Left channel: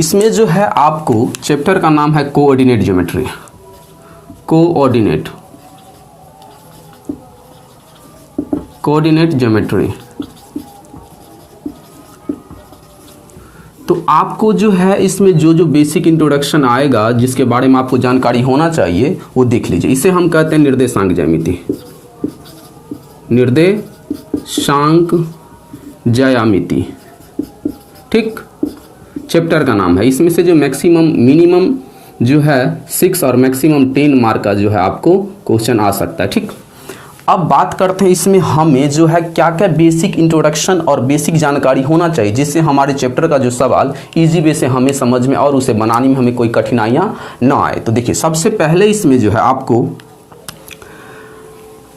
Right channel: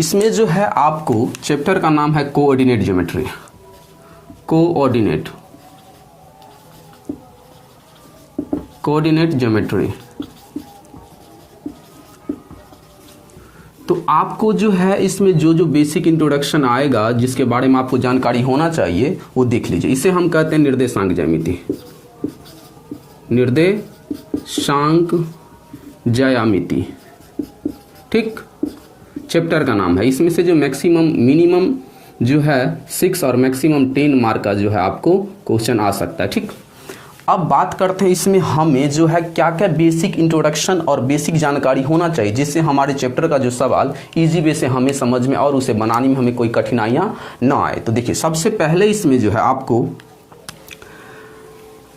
इसमें जो है आपको चैप्टर का नाम है कोऑर्डिनेट ज्योमेट्री। Coordinate geometry. तो आपको जो है इसमें जो जो बेसिक इंट्रोडक्शन आएगा, जिसके बारे में आपको जानकारी होना चाहिए, वो देख लीजिए। इसे हम कहते हैं निर्देशांक ज्यामिति। निर्देशांक ज्यामिति, ठीक, चैप्टर का नाम है। इसमें से जो मैक्सिमम मिनिमम जो है 6 और मैक्सिमम 10 मार्क का जो है आपको क्वेश्चन आ सकता है, ठीक। अब बात करते हैं इसमें हमें जो है क्या क्या बेसिक इंट्रोडक्शन और बेसिक जानकारी होना चाहिए, जिससे हमारे चैप्टर का जो सवाल इजी वे से हमें समझ में और उसे बनाने में हमें कोई कठिनाइयां ना आए। तो देखिए, सबसे पहले इसमें जो है आपको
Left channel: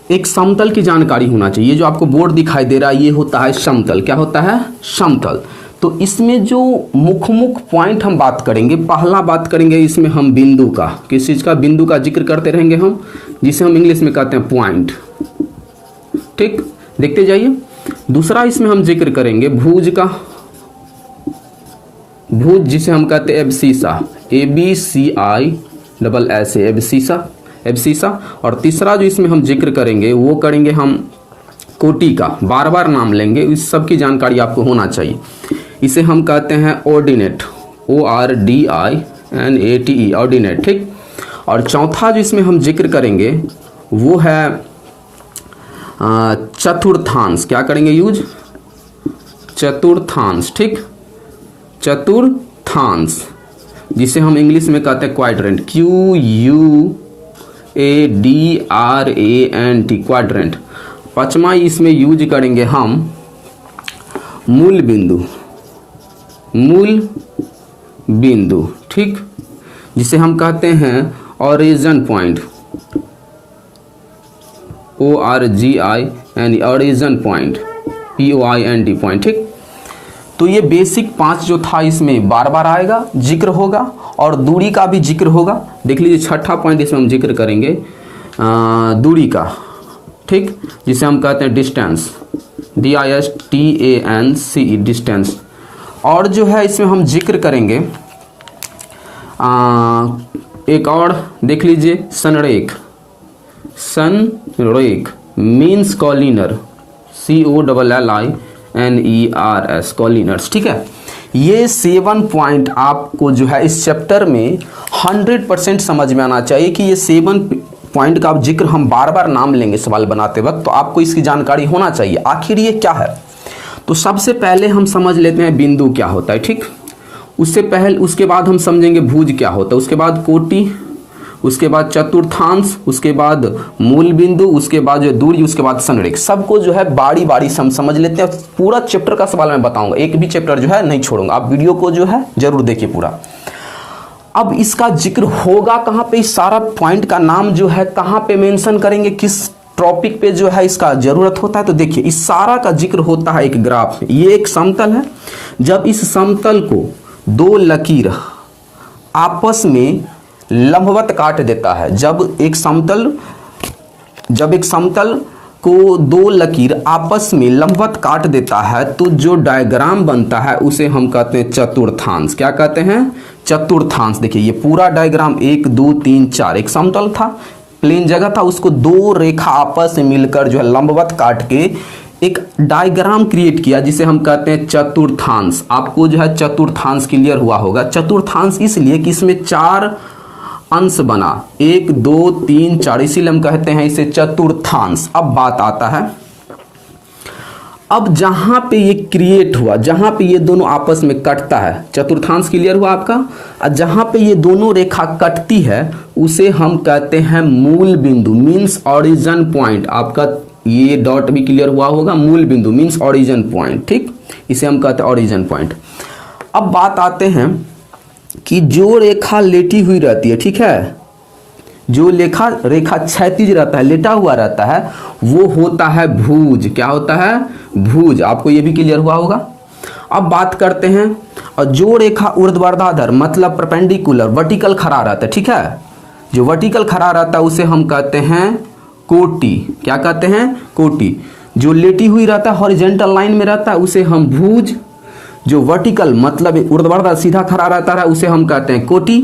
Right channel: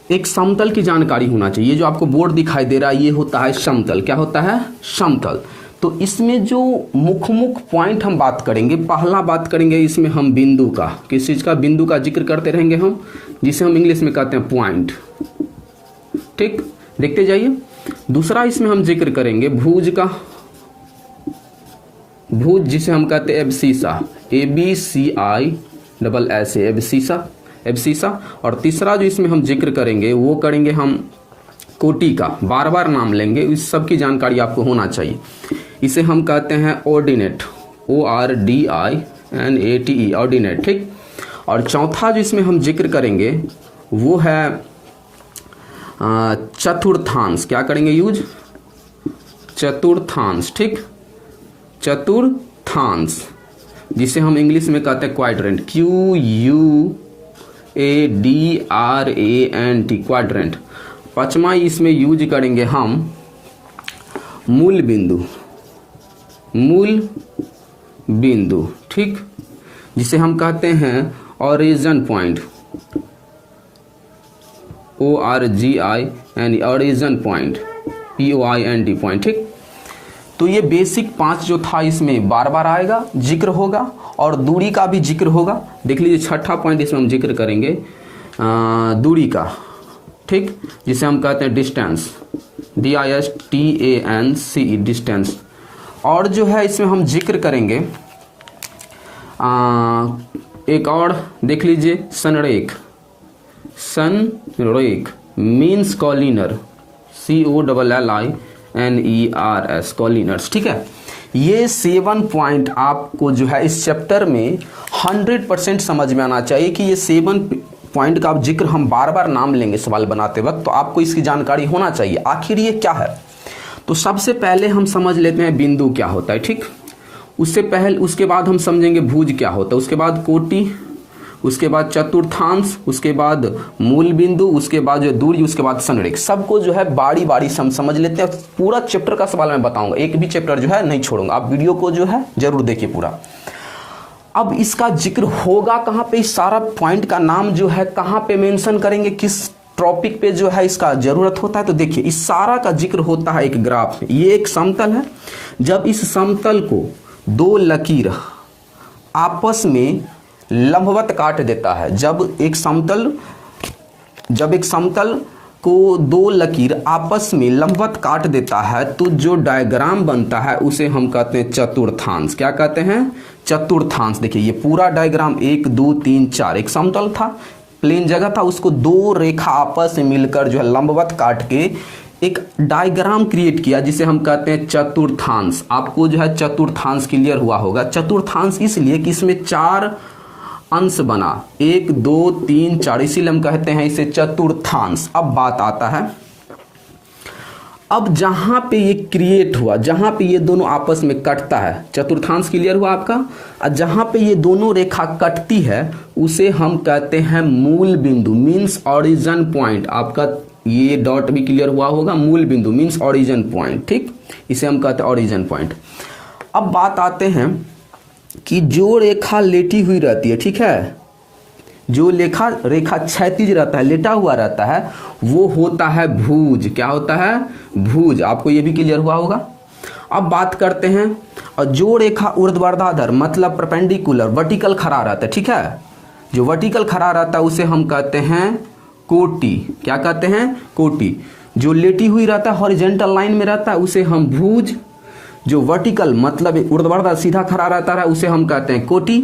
एक समतल की जानकारी होना चाहिए। ये जो आपको बोर्ड दिखाई दे रहा है, ये होता है समतल। क्या होता है? समतल। तो इसमें जो मुख्य पॉइंट हम बात करेंगे, पहला बात करेंगे इसमें हम बिंदु का। किस चीज का? बिंदु का जिक्र करते रहेंगे हम, जिसे हम इंग्लिश में कहते हैं पॉइंट, ठीक, देखते जाइए। दूसरा इसमें हम जिक्र करेंगे भुज का, भुज जिसे हम कहते हैं एब्सिसा, ABCISS, एब्सिसा। और तीसरा जो इसमें हम जिक्र करेंगे वो करेंगे हम कोटि का, बार बार नाम लेंगे, इस सब की जानकारी आपको होना चाहिए। इसे हम कहते हैं ऑर्डिनेट, ORDINATE, ऑर्डिनेट, ठीक। और चौथा जो इसमें हम जिक्र करेंगे वो है चतुर्थांश। क्या करेंगे यूज? चतुर्थांश, ठीक, चतुर्थांश, जिसे हम इंग्लिश में कहते हैं क्वाड्रेंट, QUADRANT, क्वाड्रेंट। पांचवा इसमें यूज करेंगे हम मूल बिंदु, ठीक, जिसे हम कहते हैं origin point, ORGIN, origin point, POINT point, ठीक। तो ये बेसिक 5 जो था इसमें बार बार आएगा, जिक्र होगा, और दूरी का भी जिक्र होगा। देख लीजिए, छठा पॉइंट इसमें हम जिक्र करेंगे दूरी का, ठीक, जिसे हम कहते हैं डिस्टेंस, DISTANCE, डिस्टेंस। और जो है इसमें हम जिक्र करेंगे एक और, देख लीजिए, संरेख मीन्स कॉलिनर, COLLINERS, कॉलिनर्स, ठीक है। ये 7 पॉइंट आपको जो है इस चैप्टर में 100% समझ में आना चाहिए कि ये 7 पॉइंट का जिक्र हम बार बार नाम लेंगे सवाल बनाते वक्त, तो आपको इसकी जानकारी होना चाहिए आखिर ये क्या है। तो सबसे पहले हम समझ लेते हैं बिंदु क्या होता है, ठीक। उसके बाद हम समझेंगे भुज क्या होता है, उसके बाद कोटि, उसके बाद चतुर्थांश, उसके बाद मूल बिंदु, उसके बाद जो दूरी, उसके बाद संरेख। सबको जो है बारी बारी समझ लेते हैं। पूरा चैप्टर का सवाल मैं बताऊंगा, एक भी चैप्टर जो है नहीं छोड़ूंगा। आप वीडियो को जो है जरूर देखिए पूरा। अब इसका जिक्र होगा कहाँ पे? इस सारा पॉइंट का नाम जो है कहाँ पे मेंशन करेंगे, किस टॉपिक पे जो है इसका जरूरत होता है? तो देखिए, इस सारा का जिक्र होता है एक ग्राफ में। ये एक समतल है। जब इस समतल को 2 लकीर आपस में लंबवत काट देता है, जब एक समतल को 2 लकीर आपस में लंबवत काट देता है, तो जो डायग्राम बनता है उसे हम कहते हैं चतुर्थांश। क्या कहते हैं? चतुर्थांश। देखिए, ये पूरा डायग्राम 1 2 3 4, एक समतल था, प्लेन जगह था, उसको 2 रेखा आपस में मिलकर जो है लंबवत काट के एक डायग्राम क्रिएट किया, जिसे हम कहते हैं चतुर्थांश। आपको जो है चतुर्थांश क्लियर हुआ होगा। चतुर्थांश इसलिए कि इसमें 4 अंश बना, 1 2 3 4, इसीलिए हम कहते हैं इसे चतुर्थांश। अब बात आता है, अब जहां पे ये क्रिएट हुआ, जहां पे ये दोनों आपस में कटता है, चतुर्थांश क्लियर हुआ आपका। और जहां पे ये दोनों रेखा कटती है उसे हम कहते हैं मूल बिंदु, मीन्स ओरिजिन पॉइंट। आपका ये डॉट भी क्लियर हुआ होगा, मूल बिंदु मीन्स ओरिजिन पॉइंट, ठीक, इसे हम कहते हैं ओरिजिन पॉइंट। अब बात आते हैं कि जो रेखा लेटी हुई रहती है, ठीक है, जो रेखा क्षैतिज रहता है, लेटा हुआ रहता है, वो होता है भुज। क्या होता है? भुज। आपको ये भी क्लियर हुआ होगा। अब बात करते हैं, और जो रेखा ऊर्ध्वाधर मतलब परपेंडिकुलर, वर्टिकल खड़ा रहता है, ठीक है, जो वर्टिकल खड़ा रहता है उसे हम कहते हैं कोटि। क्या कहते हैं? कोटि। जो लेटी हुई रहता है, हॉरिजॉन्टल लाइन में रहता है, उसे हम भुज। जो वर्टिकल मतलब ऊर्ध्वाधर सीधा खड़ा रहता है उसे हम कहते हैं कोटि,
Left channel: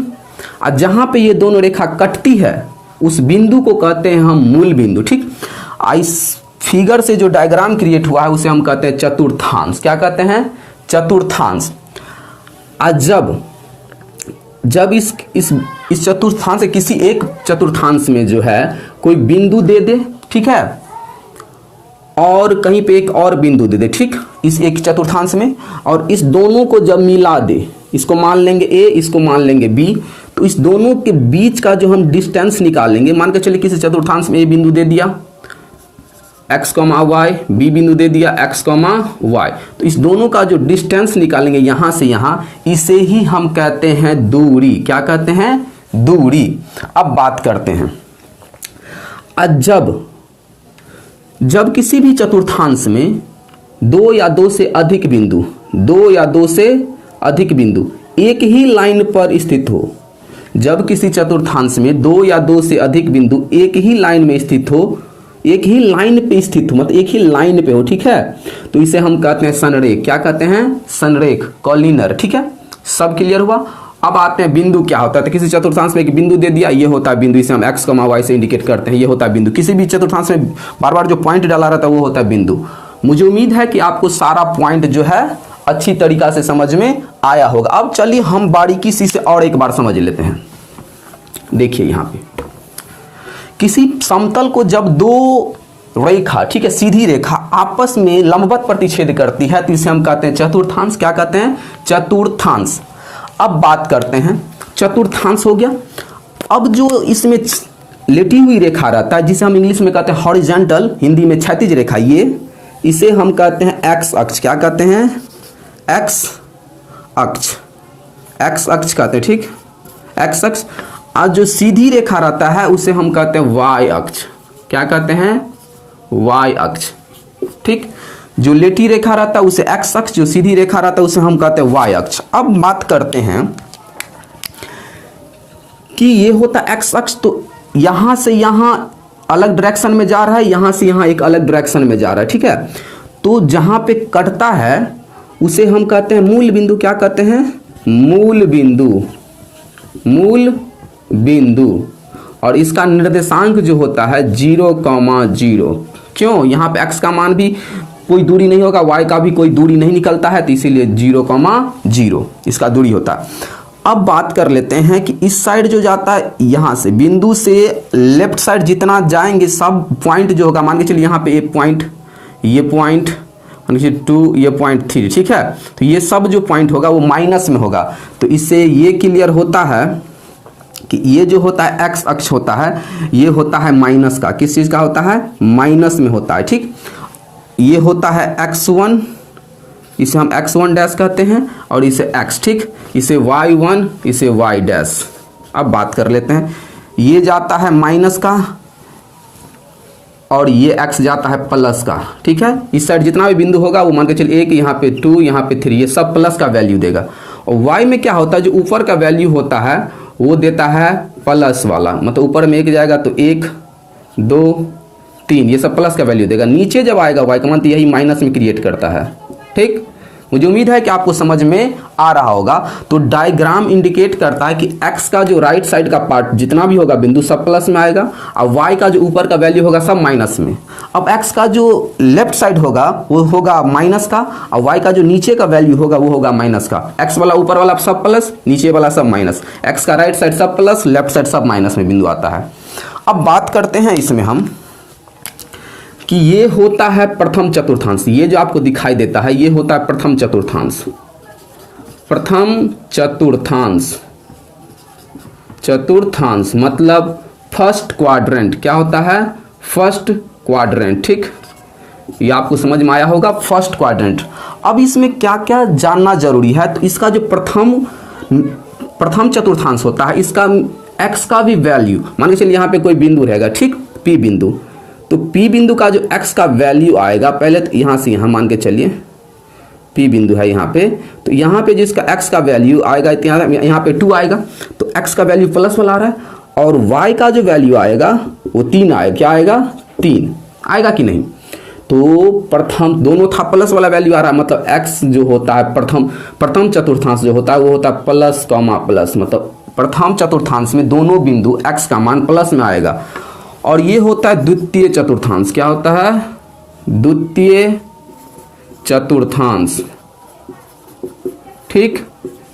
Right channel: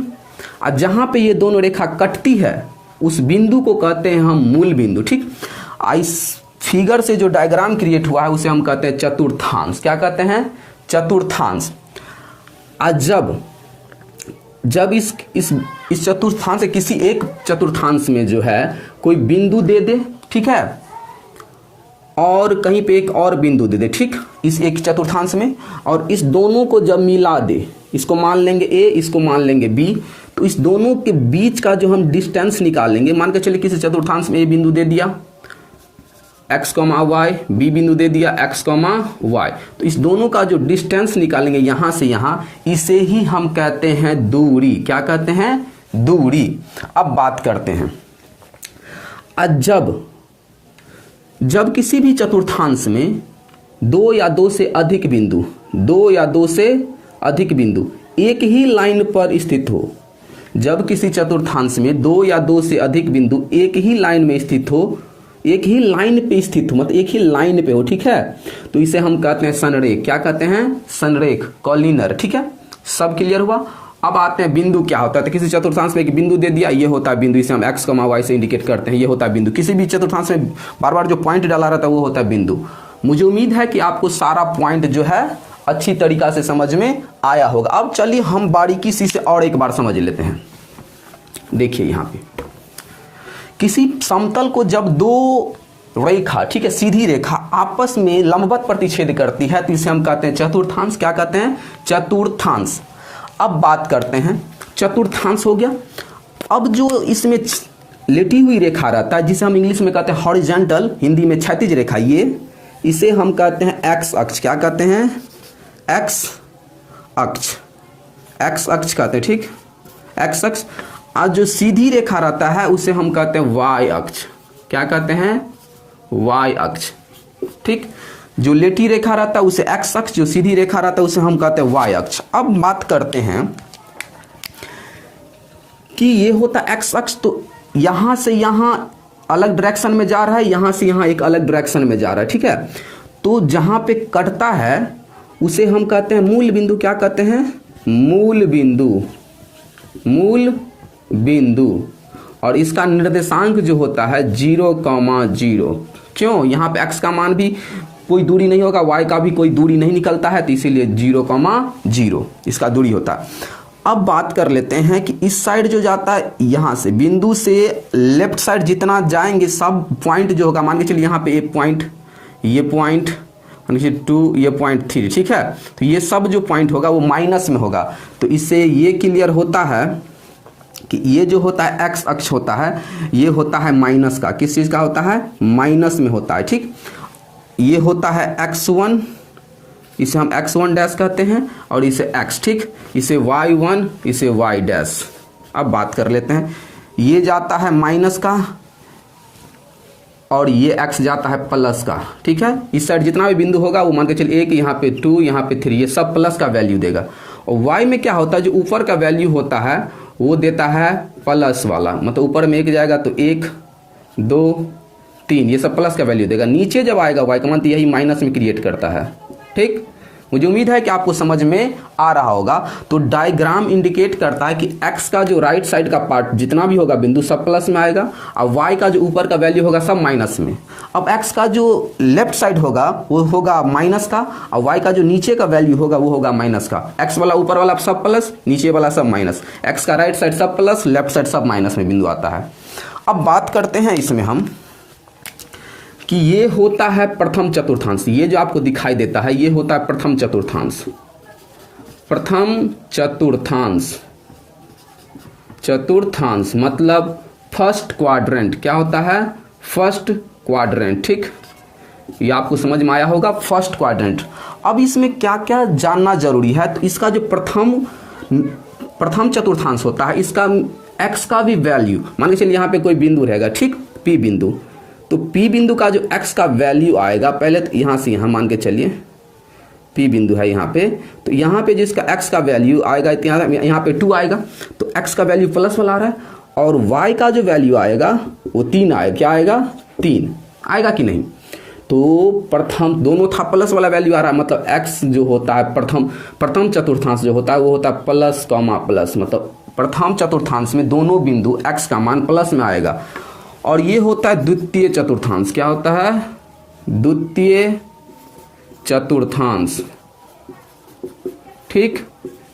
और जहां पे ये दोनों रेखा कटती है उस बिंदु को कहते हैं हम मूल बिंदु। ठीक, इस फिगर से जो डायग्राम क्रिएट हुआ है उसे हम कहते हैं चतुर्थांश। क्या कहते हैं? चतुर्थांश। जब इस चतुर्थांश से किसी एक चतुर्थांश में जो है कोई बिंदु दे दे, ठीक है, और कहीं पे एक और बिंदु दे दे, ठीक, इस एक चतुर्थांश में, और इस दोनों को जब मिला दे, इसको मान लेंगे ए, इसको मान लेंगे बी, तो इस दोनों के बीच का जो हम डिस्टेंस निकालेंगे, मान के चलिए किसी चतुर्थांश में ए बिंदु दे दिया x, y, बी बिंदु दे दिया x, y, तो इस दोनों का जो डिस्टेंस निकालेंगे यहां से यहां, इसे ही हम कहते हैं दूरी। क्या कहते हैं? दूरी। अब बात करते हैं, जब किसी भी चतुर्थांश में दो या दो से अधिक बिंदु एक ही लाइन पर स्थित हो, जब किसी चतुर्थांश में दो या दो से अधिक बिंदु एक ही लाइन में स्थित हो, एक ही लाइन पे स्थित हो, मतलब एक ही लाइन पे हो, ठीक है, तो इसे हम कहते हैं संरेख। क्या कहते हैं? संरेख, कॉलिनर। ठीक है, सब क्लियर हुआ। अब आते हैं बिंदु क्या होता है। तो किसी चतुर्थांश में एक बिंदु दे दिया, ये होता है बिंदु, इसे हम x, y से इंडिकेट करते हैं, ये होता है बिंदु। किसी भी चतुर्थांश में बार बार जो पॉइंट डाला रहता है वो होता है बिंदु। मुझे उम्मीद है कि आपको सारा पॉइंट जो है अच्छी तरीका से समझ में आया होगा। अब चलिए हम बारीकी से और एक बार समझ लेते हैं। देखिए यहां पे किसी समतल को जब दो रेखा, ठीक है, सीधी रेखा आपस में लंबवत प्रतिच्छेद करती है तो इसे हम कहते हैं चतुर्थांश। क्या कहते हैं? चतुर्थांश। अब बात करते हैं, चतुर्थांश हो गया। अब जो इसमें लेटी हुई रेखा रहता है जिसे हम इंग्लिश में कहते हैं हॉरिजॉन्टल, हिंदी में क्षैतिज रेखा, ये इसे हम कहते हैं एक्स अक्ष। क्या कहते हैं? एक्स अक्ष, एक्स अक्ष कहते हैं, ठीक, एक्स अक्ष। आज जो सीधी रेखा रहता है उसे हम कहते हैं वाई अक्ष। क्या कहते हैं? वाई अक्ष। ठीक, जो लेटी रेखा रहता है उसे एक्स अक्ष, जो सीधी रेखा रहता है उसे हम कहते हैं वाई अक्ष। अब बात करते हैं कि ये होता है एक्स अक्ष, तो यहां से यहां अलग डायरेक्शन में जा रहा है, यहां से यहां एक अलग डायरेक्शन में जा रहा है, ठीक है। तो जहां पे कटता है उसे हम कहते हैं मूल बिंदु। क्या कहते हैं? मूल बिंदु, मूल बिंदु। और इसका निर्देशांक जो होता है 0,0। क्यों? यहाँ पे x का मान भी कोई दूरी नहीं होगा, y का भी कोई दूरी नहीं निकलता है, तो इसीलिए 0,0 इसका दूरी होता है। अब बात कर लेते हैं कि इस साइड जो जाता है, यहां से बिंदु से लेफ्ट साइड जितना जाएंगे सब पॉइंट जो होगा, मान के चलिए यहाँ पे एक पॉइंट, ये पॉइंट 2, ये पॉइंट 3, ठीक है, तो ये सब जो पॉइंट होगा वो माइनस में होगा। तो इससे ये क्लियर होता है कि ये जो होता है एक्स अक्ष होता है, ये होता है माइनस का। किस चीज का होता है? माइनस में होता है, ठीक। ये होता है x1, इसे हम x1 डैश कहते हैं, और इसे x, ठीक, इसे y1, इसे y डैश। अब बात कर लेते हैं, ये जाता है माइनस का और ये x जाता है प्लस का, ठीक है। इस साइड जितना भी बिंदु होगा वो मान के चलिए 1, यहाँ पे 2, यहाँ पे 3, ये सब प्लस का वैल्यू देगा। और y में क्या होता है, जो ऊपर का वैल्यू होता है वो देता है प्लस वाला, मतलब ऊपर में 1 जाएगा तो 1, 2, 3, ये सब प्लस का वैल्यू देगा। नीचे जब आएगा y का मान तो यही माइनस में क्रिएट करता है, ठीक। मुझे उम्मीद है कि आपको समझ में आ रहा होगा। तो डायग्राम इंडिकेट करता है कि x का जो राइट साइड का पार्ट जितना भी होगा बिंदु सब प्लस में आएगा, और y का जो ऊपर का वैल्यू होगा सब माइनस में। अब x का जो लेफ्ट साइड होगा वो होगा माइनस का, और y का जो नीचे का वैल्यू होगा वो होगा माइनस का। x वाला ऊपर वाला सब प्लस, नीचे वाला सब माइनस। x का राइट साइड सब प्लस, लेफ्ट साइड सब माइनस में बिंदु आता है। अब बात करते हैं इसमें हम कि ये होता है प्रथम चतुर्थांश। ये जो आपको दिखाई देता है ये होता है प्रथम चतुर्थांश। प्रथम चतुर्थांश, चतुर्थांश मतलब फर्स्ट क्वाड्रेंट। क्या होता है? फर्स्ट क्वाड्रेंट, ठीक। ये आपको समझ में आया होगा, फर्स्ट क्वाड्रेंट। अब इसमें क्या क्या जानना जरूरी है, तो इसका जो प्रथम चतुर्थांश होता है, इसका x का भी वैल्यू, मान के चलिए यहाँ पे कोई बिंदु रहेगा, ठीक, P बिंदु, तो P बिंदु का जो x का वैल्यू आएगा, पहले तो यहाँ से यहाँ मान के चलिए P बिंदु है यहाँ पे, तो यहाँ पे जिसका x का वैल्यू आएगा यहाँ पे 2 आएगा, तो x का वैल्यू प्लस वाला आ रहा है, और y का जो वैल्यू आएगा वो 3 आएगा। क्या आएगा? 3 आएगा कि नहीं? तो प्रथम दोनों था प्लस वाला वैल्यू आ रहा है, मतलब x जो होता है प्रथम चतुर्थांश जो होता है वो होता है प्लस कॉमा प्लस, मतलब प्रथम चतुर्थांश में दोनों बिंदु x का मान प्लस में आएगा। और ये होता है द्वितीय चतुर्थांश। क्या होता है? द्वितीय चतुर्थांश। ठीक,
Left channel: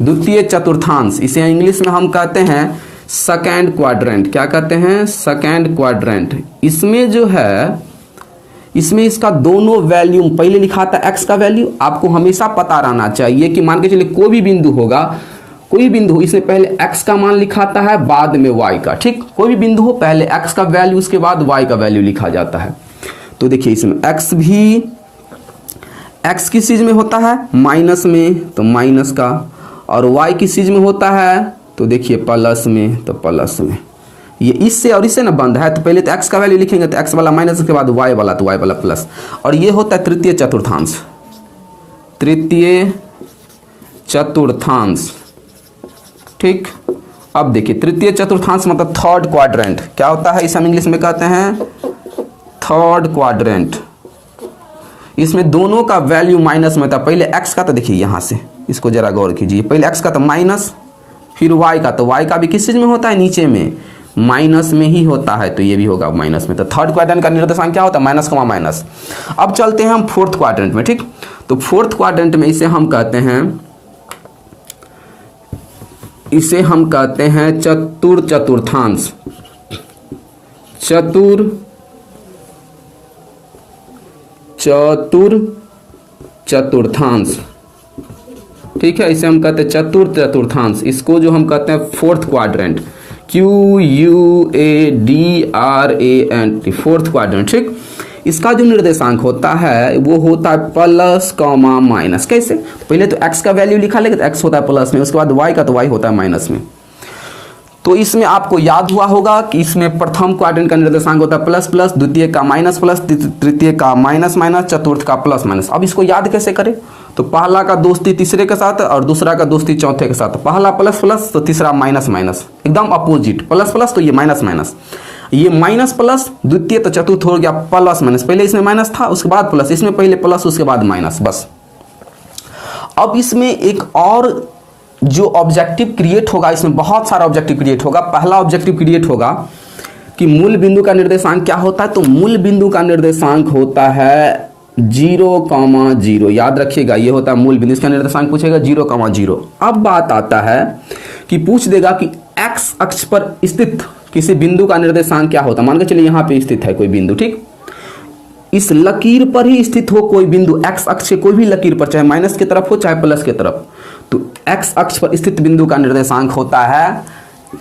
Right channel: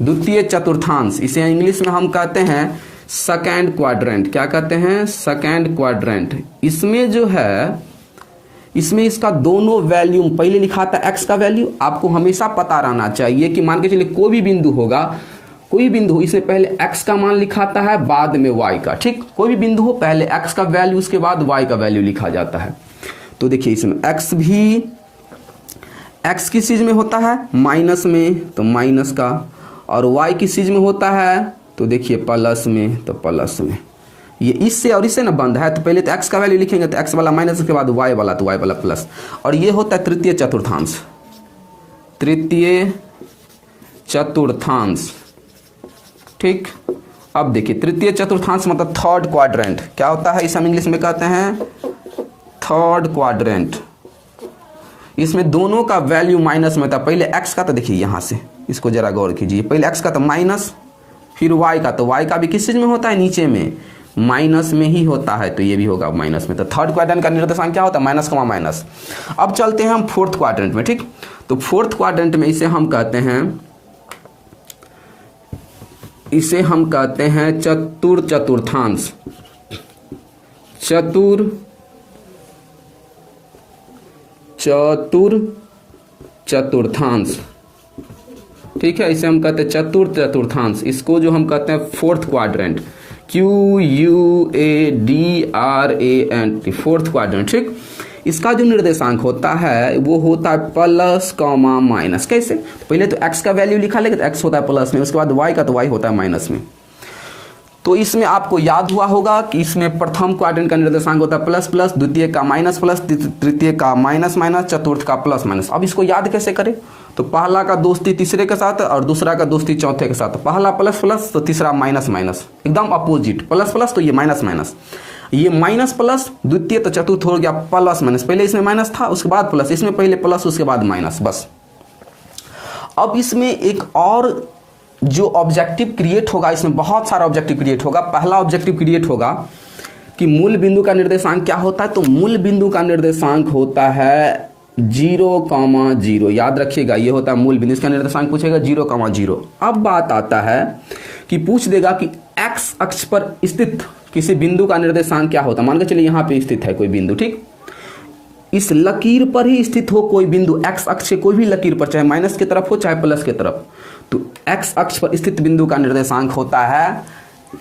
द्वितीय चतुर्थांश, इसे इंग्लिश में हम कहते हैं सेकेंड क्वाड्रेंट। क्या कहते हैं? Second quadrant. इसमें जो है, इसमें इसका दोनों वैल्यू पहले लिखा था x का वैल्यू। आपको हमेशा पता रहना चाहिए कि मान के चलिए कोई भी बिंदु होगा, कोई बिंदु इसमें पहले x का मान लिखाता है बाद में y का। ठीक, कोई भी बिंदु हो पहले x का वैल्यू उसके बाद y का वैल्यू लिखा जाता है। तो देखिए इसमें x भी, x किस चीज में होता है? माइनस में, तो माइनस का। और y किस चीज में होता है? तो देखिए प्लस में, तो प्लस में। ये इससे और इससे ना बंद है, तो पहले तो x का वैल्यू लिखेंगे तो x वाला माइनस, उसके बाद y वाला, तो y वाला प्लस। और ये होता है तृतीय चतुर्थांश। तृतीय चतुर्थांश। ठीक, अब देखिए तृतीय चतुर्थांश मतलब थर्ड क्वाड्रेंट। क्या होता है? इसे हम इंग्लिश में कहते हैं थर्ड क्वाड्रेंट। इसमें दोनों का वैल्यू माइनस में था। पहले x का, तो देखिए यहां से इसको जरा गौर कीजिए, पहले x का तो माइनस, फिर y का, तो y का भी किस चीज में होता है? नीचे में, माइनस में ही होता है, तो ये भी होगा माइनस में। तो थर्ड क्वाड्रेंट का निर्देशांक क्या होता है? Minus comma minus. अब चलते हैं हम फोर्थ क्वाड्रेंट में। ठीक, तो फोर्थ क्वाड्रेंट में इसे हम कहते हैं, इसे हम कहते हैं चतुर्थांश। चतुर्थांश। ठीक है, इसे हम कहते हैं चतुर्थांश। इसको जो हम कहते हैं fourth quadrant, QUADRANT, fourth quadrant. ठीक, इसका जो निर्देशांक होता है वो होता है प्लस कॉमा माइनस। कैसे? तो पहले तो x का वैल्यू लिखा लेंगे, तो x होता है प्लस में, उसके बाद y का, तो y होता है माइनस में। तो इसमें आपको याद हुआ होगा कि इसमें प्रथम क्वाड्रेंट का निर्देशांक होता है प्लस प्लस, द्वितीय का माइनस प्लस, तृतीय का माइनस माइनस, चतुर्थ का प्लस माइनस। अब इसको याद कैसे करें? तो पहला का दोस्ती तीसरे के साथ और दूसरा का दोस्ती चौथे के साथ। पहला प्लस प्लस तो तीसरा माइनस माइनस, एकदम अपोजिट। प्लस प्लस तो ये माइनस माइनस, ये माइनस प्लस, द्वितीय तो चतुर्थ हो गया प्लस माइनस। पहले इसमें माइनस था उसके बाद प्लस, इसमें पहले प्लस उसके बाद माइनस, बस। अब इसमें एक और जो ऑब्जेक्टिव क्रिएट होगा, इसमें बहुत सारा ऑब्जेक्टिव क्रिएट होगा। पहला ऑब्जेक्टिव क्रिएट होगा कि मूल बिंदु का निर्देशांक क्या होता है? तो मूल बिंदु का निर्देशांक होता है 0,0। याद रखिएगा, ये होता है मूल बिंदु। इसका निर्देशांक पूछेगा 0,0। अब बात आता है कि पूछ देगा कि x अक्ष पर स्थित किसी बिंदु का निर्देशांक क्या होता है। मान के चलिए यहाँ पे स्थित है कोई बिंदु। ठीक, इस लकीर पर ही स्थित हो कोई बिंदु, x अक्ष से कोई भी लकीर पर, चाहे माइनस की तरफ हो चाहे प्लस की तरफ, तो x अक्ष पर स्थित बिंदु का निर्देशांक होता है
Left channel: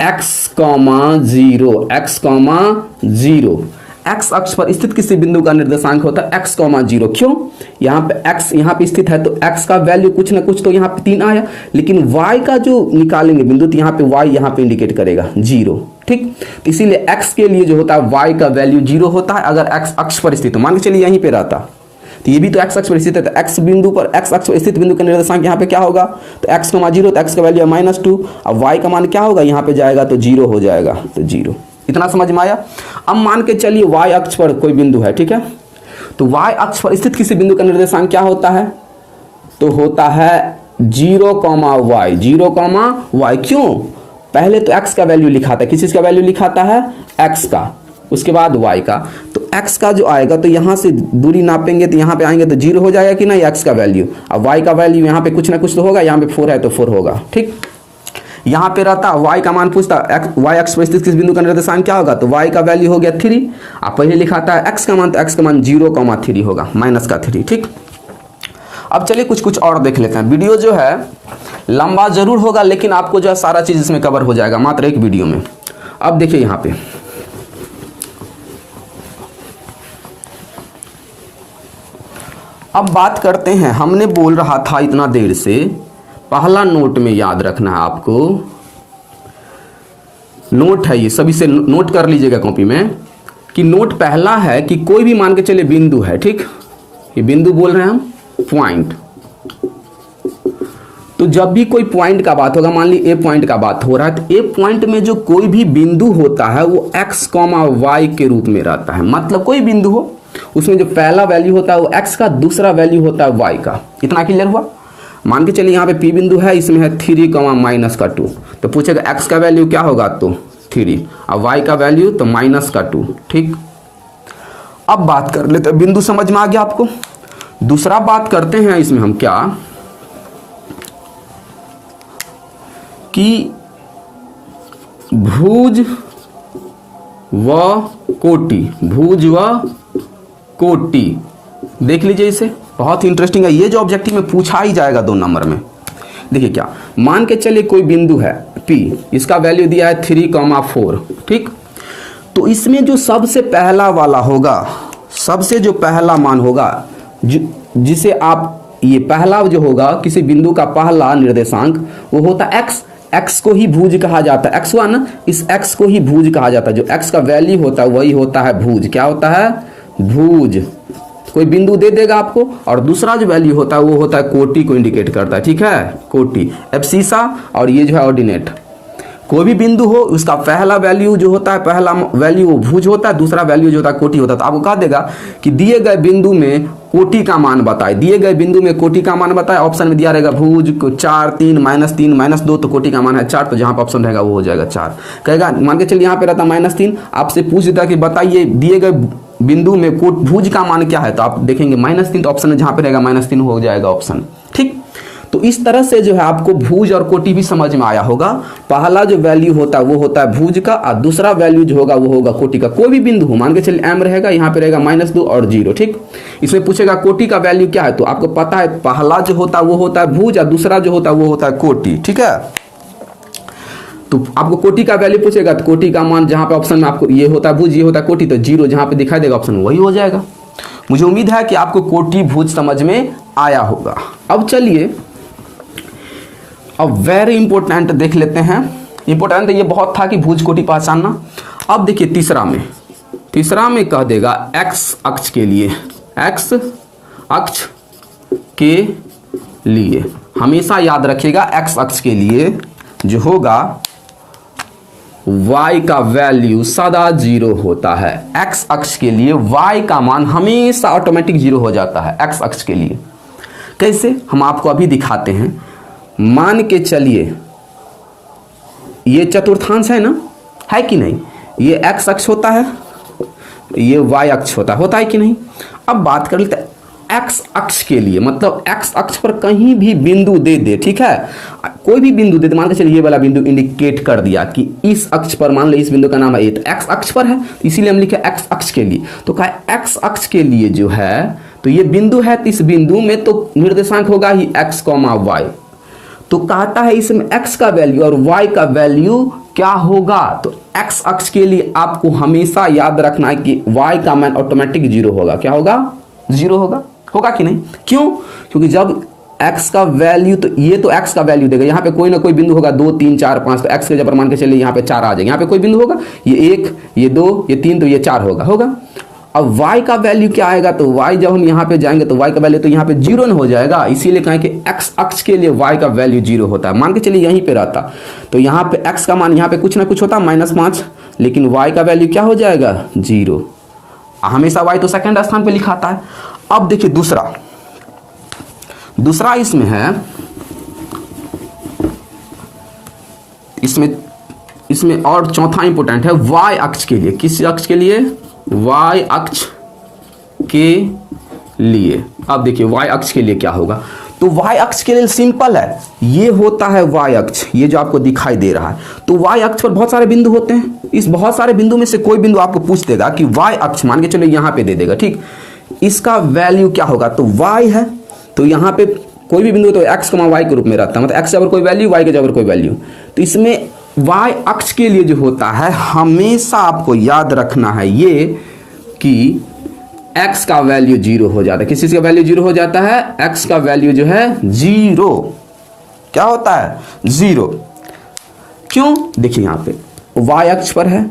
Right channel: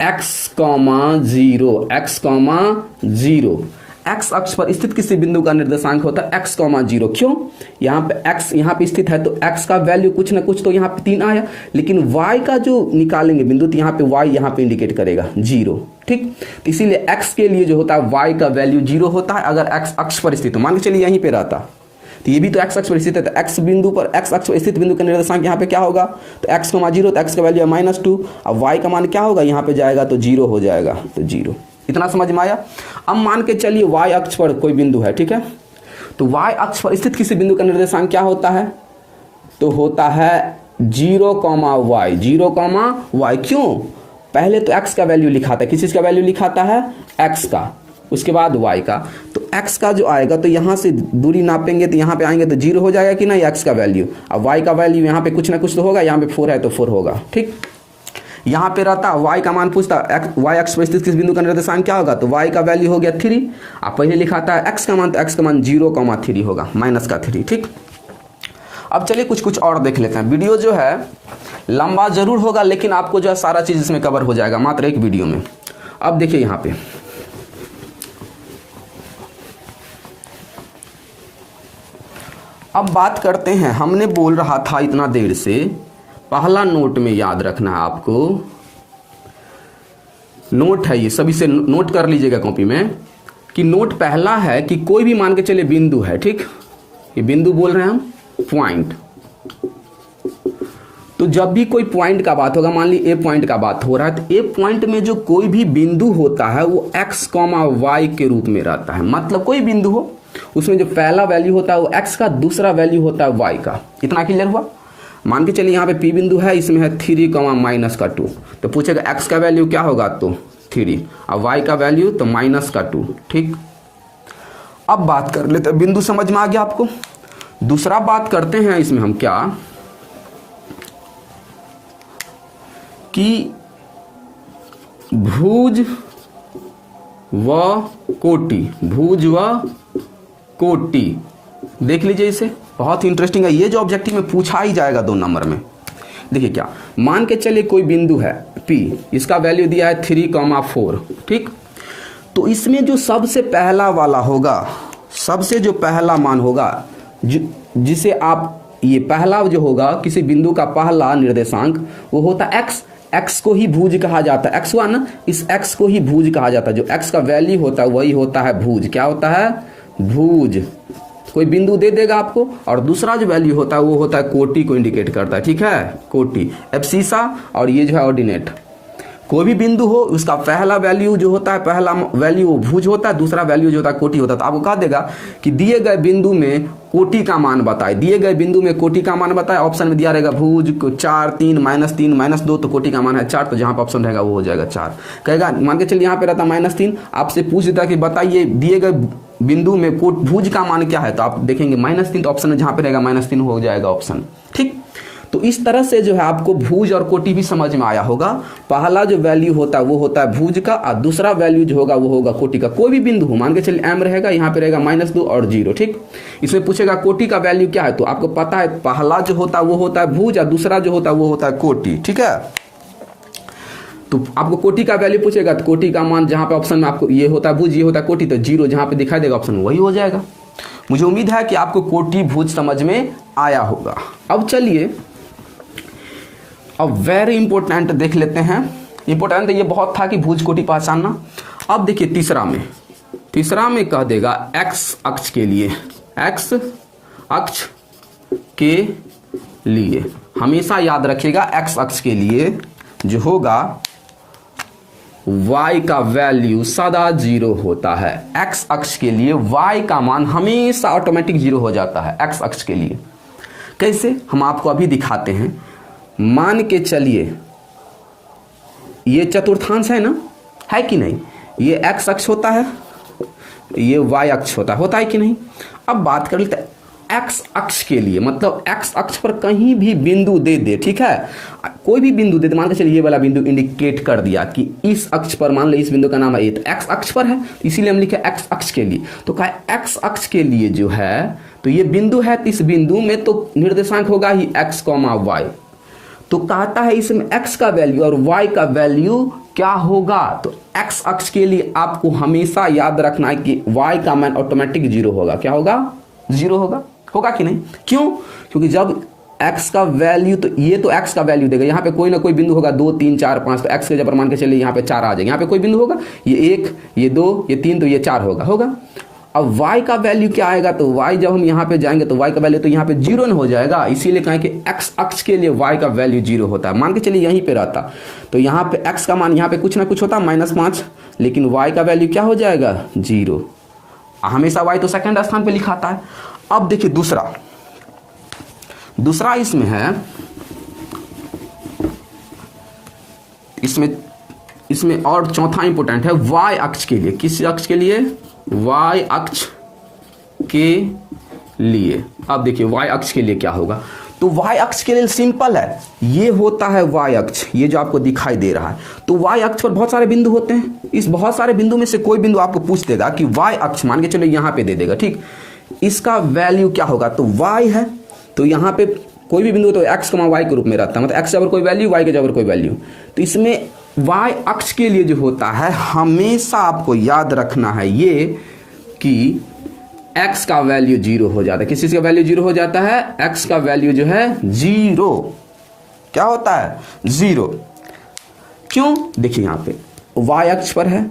x,0। x अक्ष पर स्थित किसी बिंदु का निर्देशांक होता है x,0। क्यों? यहाँ पे x यहाँ पे स्थित है तो x का वैल्यू कुछ ना कुछ तो यहाँ पे 3 आया, लेकिन y का जो निकालेंगे बिंदु तो यहाँ पे y यहाँ पे इंडिकेट करेगा 0। ठीक, तो इसीलिए x के लिए जो होता है y का वैल्यू 0 होता है अगर x अक्ष पर स्थित हो। मान के चलिए यहीं पे रहता, तो ये भी तो x अक्ष पर स्थित है, तो x बिंदु पर, x अक्ष पर स्थित बिंदु का निर्देशांक यहाँ पे क्या होगा? तो x,0, तो x का वैल्यू है -2। अब y का मान क्या होगा? यहाँ पे जाएगा तो 0 हो जाएगा, तो 0। इतना समझ में आया? अब मान के चलिए y अक्ष पर कोई बिंदु है। ठीक है, तो y अक्ष पर स्थित किसी बिंदु का निर्देशांक क्या होता है? तो होता है 0,y। 0,y क्यों? पहले तो x का वैल्यू लिखाता है, किस चीज का वैल्यू लिखाता है? x का, उसके बाद y का। तो x का जो आएगा तो यहां से दूरी नापेंगे तो यहां पे आएंगे तो 0 हो जाएगा कि नहीं x का वैल्यू। अब y का वैल्यू यहां पे कुछ ना कुछ तो होगा, यहां पे 4 है तो 4 होगा। ठीक, यहां पे रहता y का मान पूछता y अक्ष पर स्थित किस बिंदु का निर्देशांक क्या होगा? तो y का वैल्यू हो गया 3। अब पहले लिखाता है x का मान, तो x का मान 0,3 होगा, माइनस का 3। ठीक, अब चलिए कुछ और देख लेते हैं। वीडियो जो है लंबा जरूर होगा लेकिन आपको जो है सारा चीज इसमें कवर हो जाएगा मात्र एक वीडियो में। अब देखिए यहाँ पे अब बात करते हैं, हमने बोल रहा था इतना देर से, पहला नोट में याद रखना है आपको, नोट है ये, सभी से नोट कर लीजिएगा कॉपी में, कि नोट पहला है कि कोई भी मान के चले बिंदु है। ठीक, ये बिंदु बोल रहे हैं हम, पॉइंट। तो जब भी कोई पॉइंट का बात होगा, मान ली ए पॉइंट का बात हो रहा है, तो ए पॉइंट में जो कोई भी बिंदु होता है वो x, y के रूप में रहता है। मतलब कोई बिंदु हो, उसमें जो पहला वैल्यू होता है वो x का, दूसरा वैल्यू होता है y का। इतना क्लियर हुआ। मान के चलिए यहाँ पे P बिंदु है, इसमें है 3 माइनस का 2, तो पूछेगा x का वैल्यू क्या होगा, तो 3, और y का वैल्यू तो माइनस का 2। ठीक, अब बात कर लेते हैं, बिंदु समझ में आ गया आपको। दूसरा बात करते हैं इसमें हम क्या, कि भुज व कोटि, भुज व कोटि देख लीजिए, इसे बहुत इंटरेस्टिंग है, ये जो ऑब्जेक्टिव में पूछा ही जाएगा 2 नंबर में। देखिए क्या, मान के चलिए कोई बिंदु है P, इसका वैल्यू दिया है 3,4। ठीक, तो इसमें जो सबसे पहला वाला होगा, सबसे जो पहला मान होगा, जिसे आप, ये पहला जो होगा किसी बिंदु का पहला निर्देशांक, वो होता है x। x को ही भुज कहा जाता है, x1, इस x को ही भुज कहा जाता है। जो x का वैल्यू होता है वही होता है भुज। क्या होता है, भुज। कोई बिंदु दे देगा आपको, और दूसरा जो वैल्यू होता है वो होता है कोटि को इंडिकेट करता है। ठीक है, कोटि, एब्सिसा, और ये जो है ऑर्डिनेट। कोई भी बिंदु हो, उसका पहला वैल्यू जो होता है, पहला वैल्यू वो भुज होता है, दूसरा वैल्यू जो होता है कोटि होता है। तो आपको कहा देगा कि दिए गए बिंदु में कोटि का मान बताए, दिए गए बिंदु में कोटि का मान बताए। ऑप्शन में दिया रहेगा भुज को 4, 3, -2, तो कोटि का मान है 4, तो जहां पर ऑप्शन रहेगा वो हो जाएगा 4। कहेगा, मान के चलिए यहाँ पे रहता -3, आपसे पूछ देता कि बताइए दिए गए बिंदु में भुज का मान क्या है, तो आप देखेंगे -3, तो ऑप्शन में जहां पे रहेगा -3 हो जाएगा ऑप्शन। ठीक, तो इस तरह से जो है आपको भुज और कोटि भी समझ में आया होगा। पहला जो वैल्यू होता है वो होता है भुज का, और दूसरा वैल्यू जो होगा वो होगा कोटि का। कोई भी बिंदु हो, मान के चलिए m रहेगा, यहाँ पे रहेगा -2 और 0। ठीक, इसमें पूछेगा कोटि का वैल्यू क्या है, तो आपको पता है पहला जो होता है वो होता है भुज, और दूसरा जो होता है वो होता है कोटि। ठीक है, तो आपको कोटि का वैल्यू पूछेगा, तो कोटि का मान जहां पे ऑप्शन में आपको ये होता है भुज, ये होता है कोटि, तो 0 जहां पे दिखाई देगा ऑप्शन वही हो जाएगा। मुझे उम्मीद है कि आपको कोटि भुज समझ में आया होगा। अब चलिए, अब वेरी इंपॉर्टेंट देख लेते हैं। इंपॉर्टेंट ये बहुत था कि भुज कोटि पहचानना। अब देखिए तीसरा में कह देगा x अक्ष के लिए, x अक्ष के लिए हमेशा याद रखिएगा, x अक्ष के लिए जो होगा y का वैल्यू सदा 0 होता है। x अक्ष के लिए y का मान हमेशा ऑटोमेटिक 0 हो जाता है x अक्ष के लिए। कैसे, हम आपको अभी दिखाते हैं। मान के चलिए ये चतुर्थांश है ना, है कि नहीं, ये x अक्ष होता है, ये y अक्ष होता है कि नहीं। अब बात कर लेते हैं x अक्ष के लिए, मतलब x अक्ष पर कहीं भी बिंदु दे दे। ठीक है, कोई भी बिंदु दे दे, मान के चलिए ये वाला बिंदु इंडिकेट कर दिया कि इस अक्ष पर, मान लो इस बिंदु का नाम है, तो x अक्ष पर है, इसीलिए हम लिखे x अक्ष के लिए। तो कहा x अक्ष के लिए जो है, तो ये बिंदु है, तो इस बिंदु में तो निर्देशांक होगा ही x, y। तो कहता है इसमें x का वैल्यू और y का वैल्यू क्या होगा, तो x अक्ष के लिए आपको हमेशा याद रखना है कि y का मान ऑटोमेटिक 0 होगा। क्या होगा, 0 होगा कि नहीं। क्यों, क्योंकि जब x का वैल्यू, तो ये तो x का वैल्यू देगा, यहाँ पे कोई ना कोई बिंदु होगा 2, 3, 4, 5, तो x के जब मान के चलिए यहाँ पे 4 आ जाएगा, यहाँ पे कोई बिंदु होगा, ये 1, ये 2, ये 3, तो ये 4 होगा। अब y का वैल्यू क्या आएगा, तो y जब हम यहाँ पे जाएंगे तो y का वैल्यू तो यहाँ पे 0 हो जाएगा, इसीलिए कहें कि x अक्ष के लिए y का वैल्यू 0 होता है। मान के चलिए यहीं पे रहता, तो यहाँ पे x का मान यहाँ पे कुछ ना कुछ होता -5, लेकिन y का वैल्यू क्या हो जाएगा, 0। हमेशा y तो सेकंड स्थान पे लिखाता है। अब देखिए दूसरा इसमें है, इसमें और चौथा इंपोर्टेंट है y अक्ष के लिए। किस अक्ष के लिए, y अक्ष के लिए। अब देखिए y अक्ष के लिए क्या होगा, तो y अक्ष के लिए सिंपल है, ये होता है y अक्ष, ये जो आपको दिखाई दे रहा है। तो y अक्ष पर बहुत सारे बिंदु होते हैं, इस बहुत सारे बिंदु में से कोई बिंदु आपको पूछ देगा कि y अक्ष, मान के चलो यहाँ पे दे देगा। ठीक, इसका वैल्यू क्या होगा, तो y है, तो यहाँ पे कोई भी बिंदु तो x, y के रूप में रहता है, मतलब x के जगह कोई वैल्यू, y के जगह कोई वैल्यू। तो इसमें y अक्ष के लिए जो होता है, हमेशा आपको याद रखना है ये कि x का वैल्यू 0 हो जाता है। किस चीज का वैल्यू 0 हो जाता है, x का वैल्यू जो है 0। क्या होता है, 0। क्यों, देखिए यहाँ पे y अक्ष पर है,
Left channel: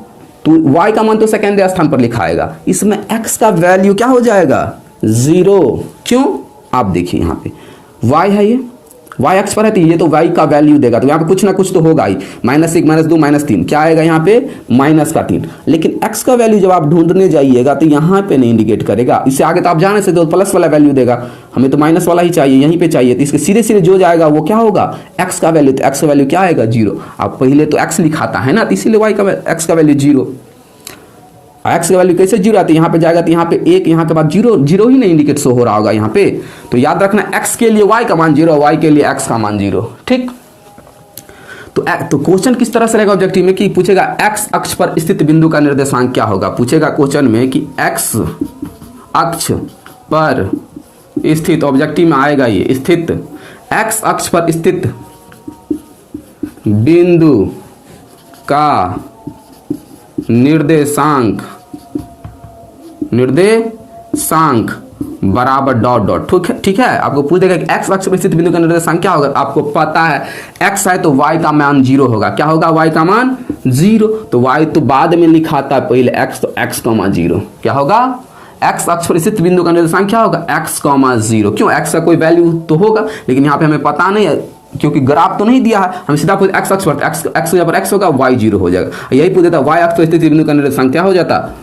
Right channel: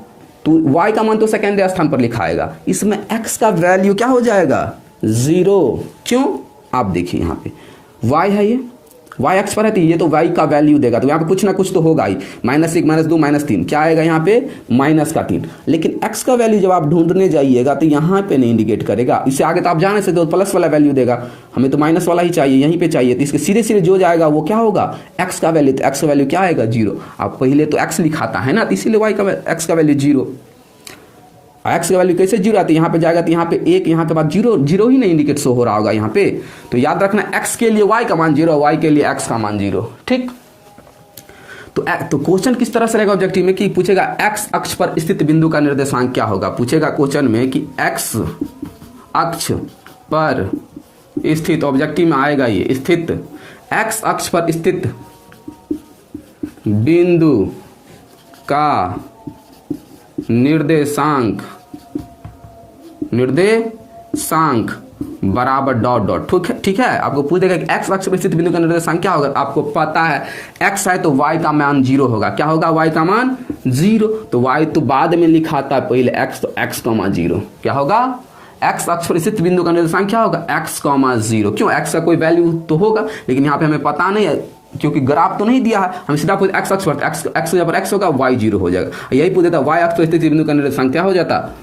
तो y का मान तो सेकेंड स्थान पर लिखा आएगा, इसमें x का वैल्यू क्या हो जाएगा, 0। क्यों, आप देखिए यहाँ पे y है ये, y अक्ष पर है तो ये तो y का वैल्यू देगा, तो यहाँ पे कुछ ना कुछ तो होगा ही, -1 -2 -3 क्या आएगा यहाँ पे -3। लेकिन x का वैल्यू जब आप ढूंढने जाइएगा तो यहाँ पे नहीं इंडिकेट करेगा, इससे आगे तो आप जाने से तो प्लस वाला वैल्यू देगा, हमें तो माइनस वाला ही चाहिए, यहीं पे चाहिए, तो इसके सीधे सीधे जो जाएगा वो क्या होगा x का वैल्यू, तो x का वैल्यू क्या आएगा 0। अब पहले तो x लिखाता है ना, तो इसीलिए y का x का वैल्यू 0। एक्स की वैल्यू कैसे 0 आती है, यहाँ पे जाएगा तो यहाँ पे 1, यहाँ के बाद 0 0 ही नहीं इंडिकेट शो हो रहा होगा यहाँ पे, तो याद रखना x के लिए y का मान 0, y के लिए x का मान 0, ठीक। तो क्वेश्चन किस तरह से रहेगा ऑब्जेक्टिव में कि पूछेगा x अक्ष पर स्थित बिंदु का निर्देशांक क्या होगा, पूछेगा क्वेश्चन में कि x अक्ष पर स्थित, ऑब्जेक्टिव में आएगा ये स्थित, x अक्ष पर स्थित बिंदु का निर्देशांक बराबर डॉट डॉट, ठीक है। आपको पूछ देगा कि x अक्ष पर स्थित बिंदु का निर्देशांक क्या होगा, आपको पता है x है तो y का मान 0 होगा, क्या होगा y का मान 0, तो y तो बाद में लिखा था पहले x, तो x का मान 0 क्या होगा, x अक्ष पर स्थित बिंदु का निर्देशांक क्या होगा x का मान 0, क्यों x का कोई वैल्यू तो होगा, लेकिन यहाँ पे हमें पता नहीं है क्योंकि ग्राफ तो नहीं दिया है, हम सीधा पूछ x अक्ष पर x यहाँ पर x होगा y 0 हो जाएगा, यही पूछ देता y अक्ष पर स्थित बिंदु का निर्देशांक क्या हो जाता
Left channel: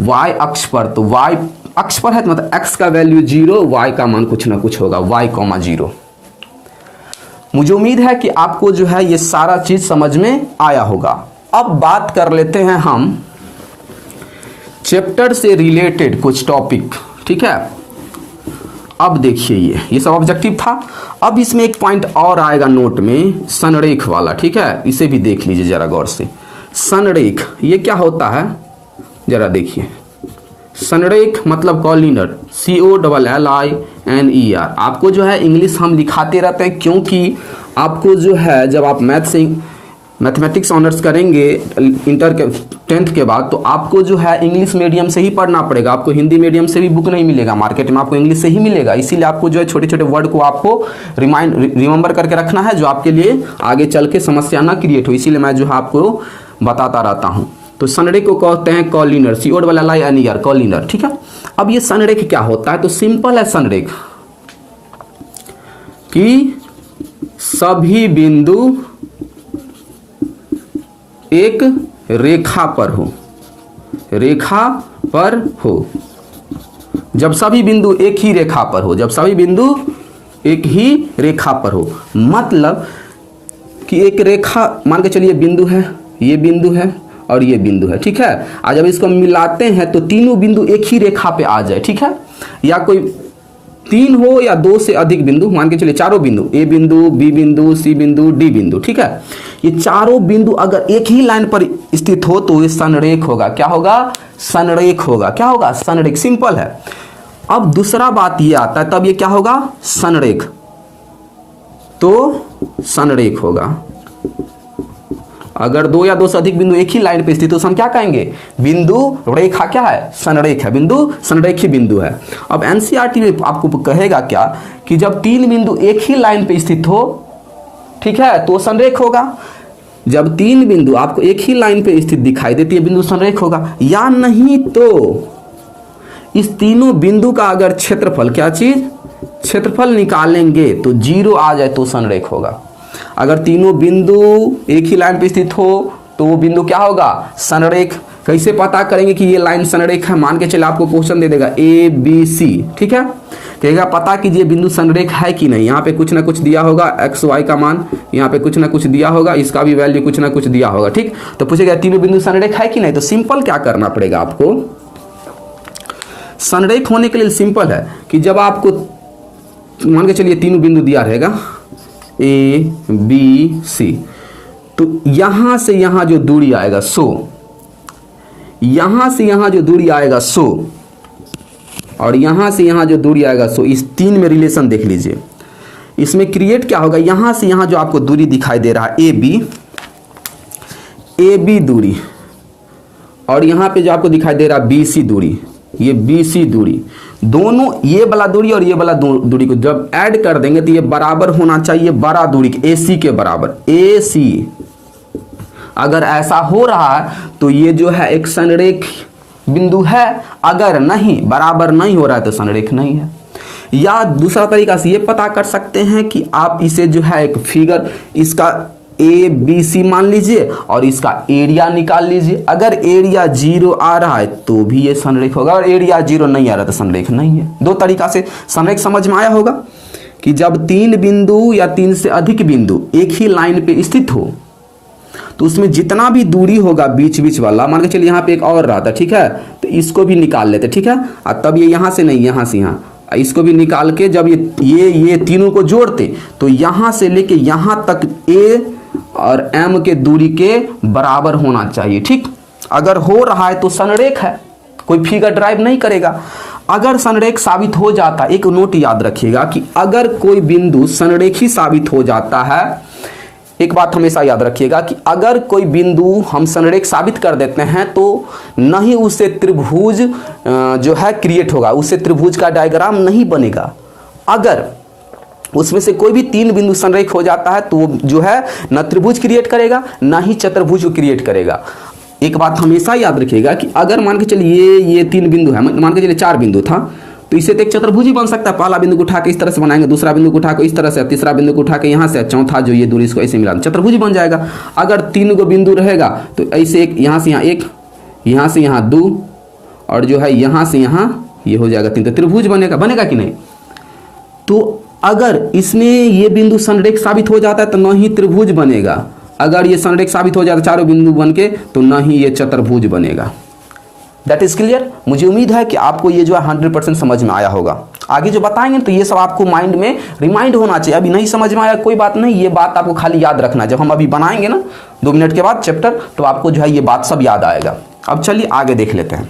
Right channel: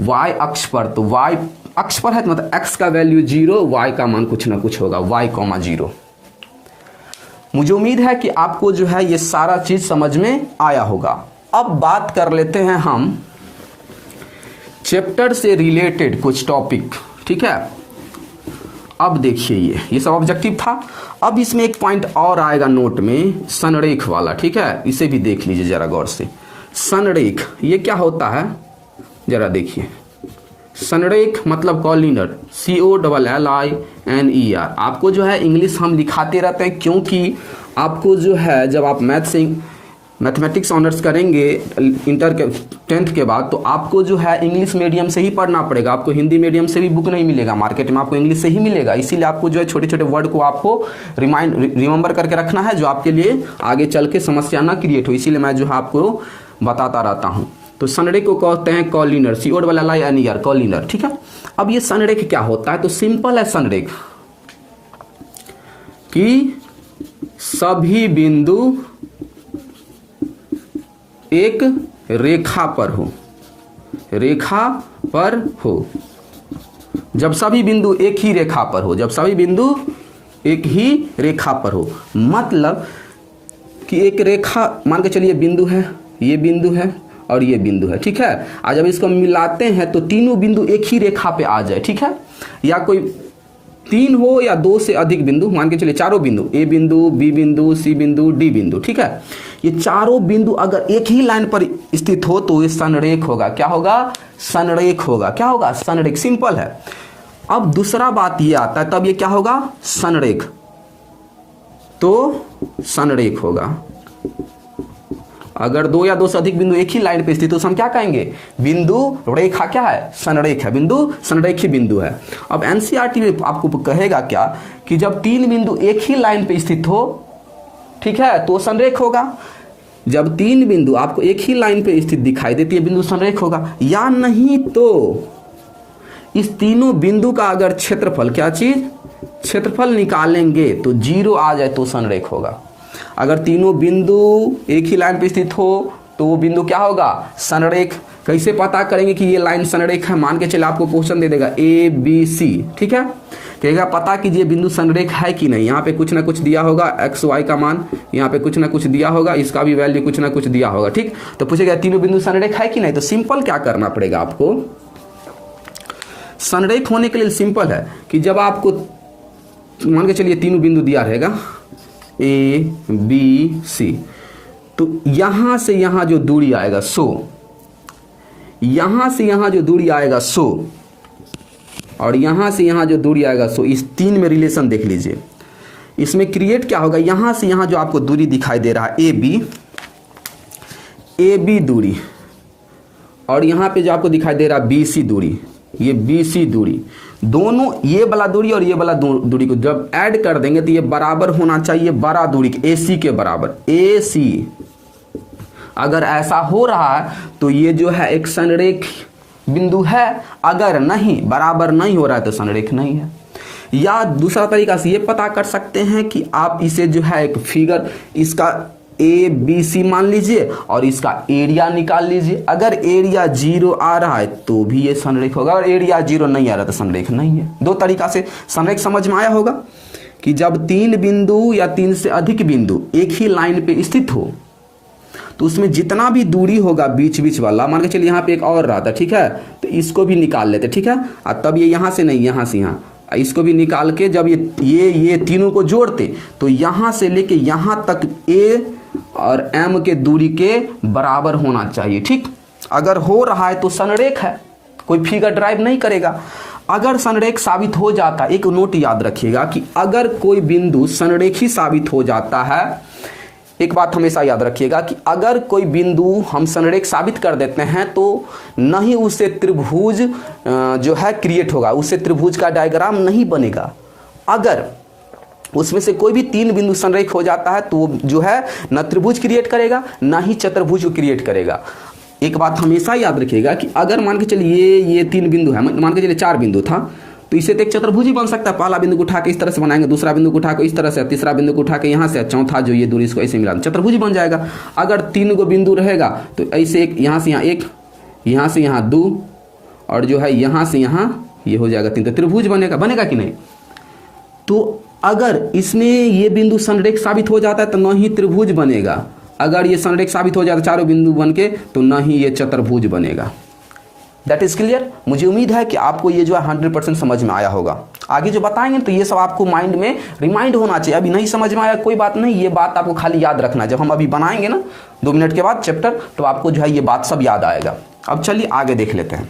y अक्ष पर, तो y अक्ष पर है तो मतलब x का वैल्यू 0, y का मान कुछ ना कुछ होगा y, 0। मुझे उम्मीद है कि आपको जो है ये सारा चीज समझ में आया होगा। अब बात कर लेते हैं हम चैप्टर से रिलेटेड कुछ टॉपिक, ठीक है। अब देखिए ये सब ऑब्जेक्टिव था, अब इसमें एक पॉइंट और आएगा नोट में, संरेख वाला, ठीक है, इसे भी देख लीजिए जरा गौर से। संरेख ये क्या होता है जरा देखिए, संरेख मतलब कॉलिनर, COLLINER। आपको जो है इंग्लिश हम लिखाते रहते हैं क्योंकि आपको जो है जब आप मैथमेटिक्स ऑनर्स करेंगे इंटर के 10th के बाद, तो आपको जो है इंग्लिश मीडियम से ही पढ़ना पड़ेगा, आपको हिंदी मीडियम से भी बुक नहीं मिलेगा मार्केट में, आपको इंग्लिश से ही मिलेगा। इसीलिए आपको जो है छोटे छोटे वर्ड को आपको रिमेंबर करके रखना है, जो आपके लिए आगे चल के समस्या ना क्रिएट हो, इसीलिए मैं जो है आपको बताता रहता हूँ। तो संरेख को कहते हैं कॉलिनर, COLLINER, कॉलिनर, ठीक है। अब ये संरेख क्या होता है, तो सिंपल है संरेख कि सभी बिंदु एक रेखा पर हो, जब सभी बिंदु एक ही रेखा पर हो, मतलब कि एक रेखा मान के चलिए बिंदु है, ये बिंदु है और ये बिंदु है, ठीक है। आज जब इसको मिलाते हैं तो तीनों बिंदु एक ही रेखा पे आ जाए, ठीक है, या कोई 3 हो या 2 से अधिक बिंदु, मान के चलिए चारों बिंदु A बिंदु, B बिंदु, C बिंदु, D बिंदु, ठीक है, ये चारों बिंदु अगर एक ही लाइन पर स्थित हो तो ये संरेख होगा, क्या होगा, संरेख होगा, क्या होगा, संरेख, सिंपल है। अब दूसरा बात ये आता है, तब ये क्या होगा, संरेख, तो संरेख होगा अगर 2 या 2 से अधिक बिंदु एक ही लाइन पे स्थित हो, तो हम क्या कहेंगे, बिंदु रेखा क्या है, संरेख है, बिंदु संरेखी बिंदु है। अब एनसीईआरटी में आपको कहेगा क्या कि जब 3 बिंदु एक ही लाइन पे स्थित हो, ठीक है, तो संरेख होगा। जब 3 बिंदु आपको एक ही लाइन पे स्थित दिखाई देती है, बिंदु संरेख होगा, या नहीं तो इस तीनों बिंदु का अगर क्षेत्रफल, क्या चीज, क्षेत्रफल निकालेंगे तो 0 आ जाए तो संरेख होगा। अगर तीनों बिंदु एक ही लाइन पे स्थित हो तो वो बिंदु क्या होगा, संरेख। कैसे पता करेंगे कि ये लाइन संरेख है, मान के चले आपको क्वेश्चन दे देगा ABC, ठीक है, कहेगा पता कीजिए बिंदु संरेख है कि नहीं, यहाँ पे कुछ ना कुछ दिया होगा, XY का मान, यहाँ पे कुछ ना कुछ दिया होगा, इसका भी वैल्यू कुछ ना कुछ दिया होगा, ठीक। तो पूछेगा तीनों बिंदु संरेख है कि नहीं, तो सिंपल क्या करना पड़ेगा आपको, संरेख होने के लिए सिंपल है कि जब आपको मान के चलिए तीनों बिंदु दिया रहेगा ABC, तो यहां से यहां जो दूरी आएगा 100, यहां से यहां जो दूरी आएगा 100 और यहां से यहां जो दूरी आएगा 100, इस 3 में रिलेशन देख लीजिए। इसमें क्रिएट क्या होगा, यहां से यहां जो आपको दूरी दिखाई दे रहा है AB दूरी, और यहां पे जो आपको दिखाई दे रहा है BC दूरी, ये BC दूरी, दोनों ये वाला दूरी और ये वाला दूरी को जब ऐड कर देंगे तो ये बराबर होना चाहिए बड़ा दूरी के AC के बराबर, AC। अगर ऐसा हो रहा है तो ये जो है एक संरेख बिंदु है, अगर नहीं बराबर नहीं हो रहा है तो संरेख नहीं है। या दूसरा तरीका से ये पता कर सकते हैं कि आप इसे जो है एक फिगर इसका ए बी सी मान लीजिए और इसका एरिया निकाल लीजिए। अगर एरिया 0 आ रहा है तो भी ये संरेख होगा, और एरिया 0 नहीं आ रहा तो संरेख नहीं है। दो तरीका से संरेख समझ में आया होगा कि जब 3 बिंदु या 3 से अधिक बिंदु एक ही लाइन पे स्थित हो तो उसमें जितना भी दूरी होगा बीच बीच वाला, मान के चलिए यहाँ पे एक और रहा था, ठीक है, तो इसको भी निकाल लेते, ठीक है, और तब ये यहाँ से नहीं, यहाँ से यहाँ, इसको भी निकाल के जब ये तीनों को जोड़ते तो यहाँ से लेके यहाँ तक ए और एम के दूरी के बराबर होना चाहिए। ठीक, अगर हो रहा है तो संरेख है, कोई फिगर ड्राइव नहीं करेगा। अगर संरेख साबित हो जाता, एक नोट याद रखिएगा कि अगर कोई बिंदु संरेखी साबित हो जाता है, एक बात हमेशा याद रखिएगा कि अगर कोई बिंदु हम संरेख साबित कर देते हैं तो नहीं उससे त्रिभुज जो है क्रिएट होगा, उससे त्रिभुज का डायग्राम नहीं बनेगा। अगर उसमें से कोई भी 3 बिंदु संरेख हो जाता है तो वो जो है न त्रिभुज क्रिएट करेगा ना ही चतुर्भुज को क्रिएट करेगा। एक बात हमेशा याद रखिएगा कि अगर मान के चलिए ये 3 बिंदु है, मान के चलिए 4 बिंदु था, तो इससे तो एक चतुर्भुज ही बन सकता है। पहला बिंदु को उठा के इस तरह से बनाएंगे, दूसरा बिंदु को उठा के इस तरह से, तीसरा बिंदु को उठा के यहाँ से, चौथा जो ये दूरी इसको ऐसे मिला चतुर्भुज बन जाएगा। अगर 3 गो बिंदु रहेगा तो ऐसे एक यहाँ से यहाँ, एक यहाँ से यहाँ 2 और जो है यहाँ से यहाँ ये हो जाएगा 3, तो त्रिभुज बनेगा, बनेगा कि नहीं। तो अगर इसमें ये बिंदु संरेख साबित हो जाता है तो न ही त्रिभुज बनेगा, अगर ये संरेख साबित हो जाता है चारों बिंदु बन के तो न ही ये चतुर्भुज बनेगा। That is clear. मुझे उम्मीद है कि आपको ये जो है 100% समझ में आया होगा। आगे जो बताएंगे तो ये सब आपको माइंड में रिमाइंड होना चाहिए। अभी नहीं समझ में आया कोई बात नहीं, ये बात आपको खाली याद रखना है। जब हम अभी बनाएंगे ना 2 मिनट के बाद चैप्टर, तो आपको जो है ये बात सब याद आएगा। अब चलिए आगे देख लेते हैं।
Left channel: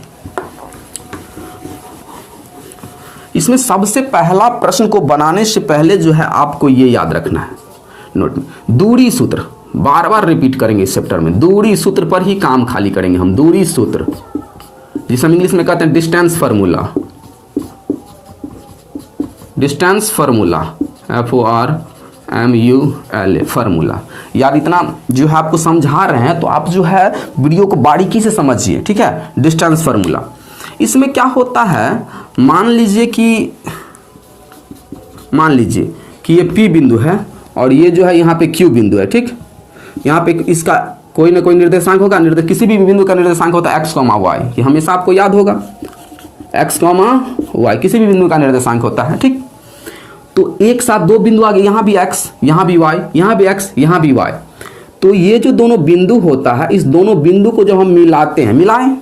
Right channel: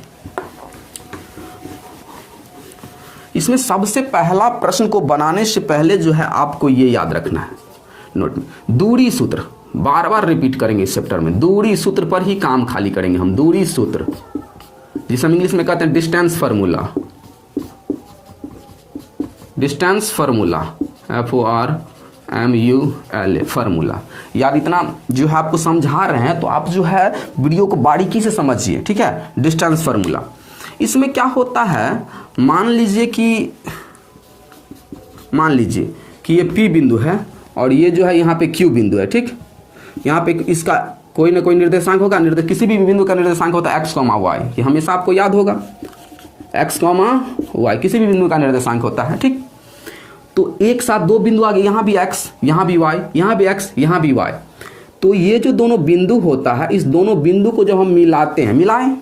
इसमें सबसे पहला प्रश्न को बनाने से पहले जो है आपको ये याद रखना है, नोट में दूरी सूत्र बार बार रिपीट करेंगे इस चैप्टर में। दूरी सूत्र पर ही काम खाली करेंगे हम। दूरी सूत्र जिसे हम इंग्लिश में कहते हैं distance formula, distance formula FORMULA formula. यार इतना जो है आपको समझा रहे हैं तो आप जो है वीडियो को बारीकी से समझिए, ठीक है। डिस्टेंस फार्मूला, इसमें क्या होता है, मान लीजिए कि ये P बिंदु है और ये जो है यहाँ पे Q बिंदु है, ठीक। यहाँ पे इसका कोई ना कोई निर्देशांक होगा, किसी भी बिंदु का निर्देशांक होता है x, y, ये हमेशा आपको याद होगा, x, y किसी भी बिंदु का निर्देशांक होता है, ठीक। तो एक साथ 2 बिंदु आ गए, यहाँ भी x, यहाँ भी y, यहाँ भी x, यहाँ भी y। तो ये जो दोनों बिंदु होता है, इस दोनों बिंदु को जब हम मिलाते हैं, मिलाएं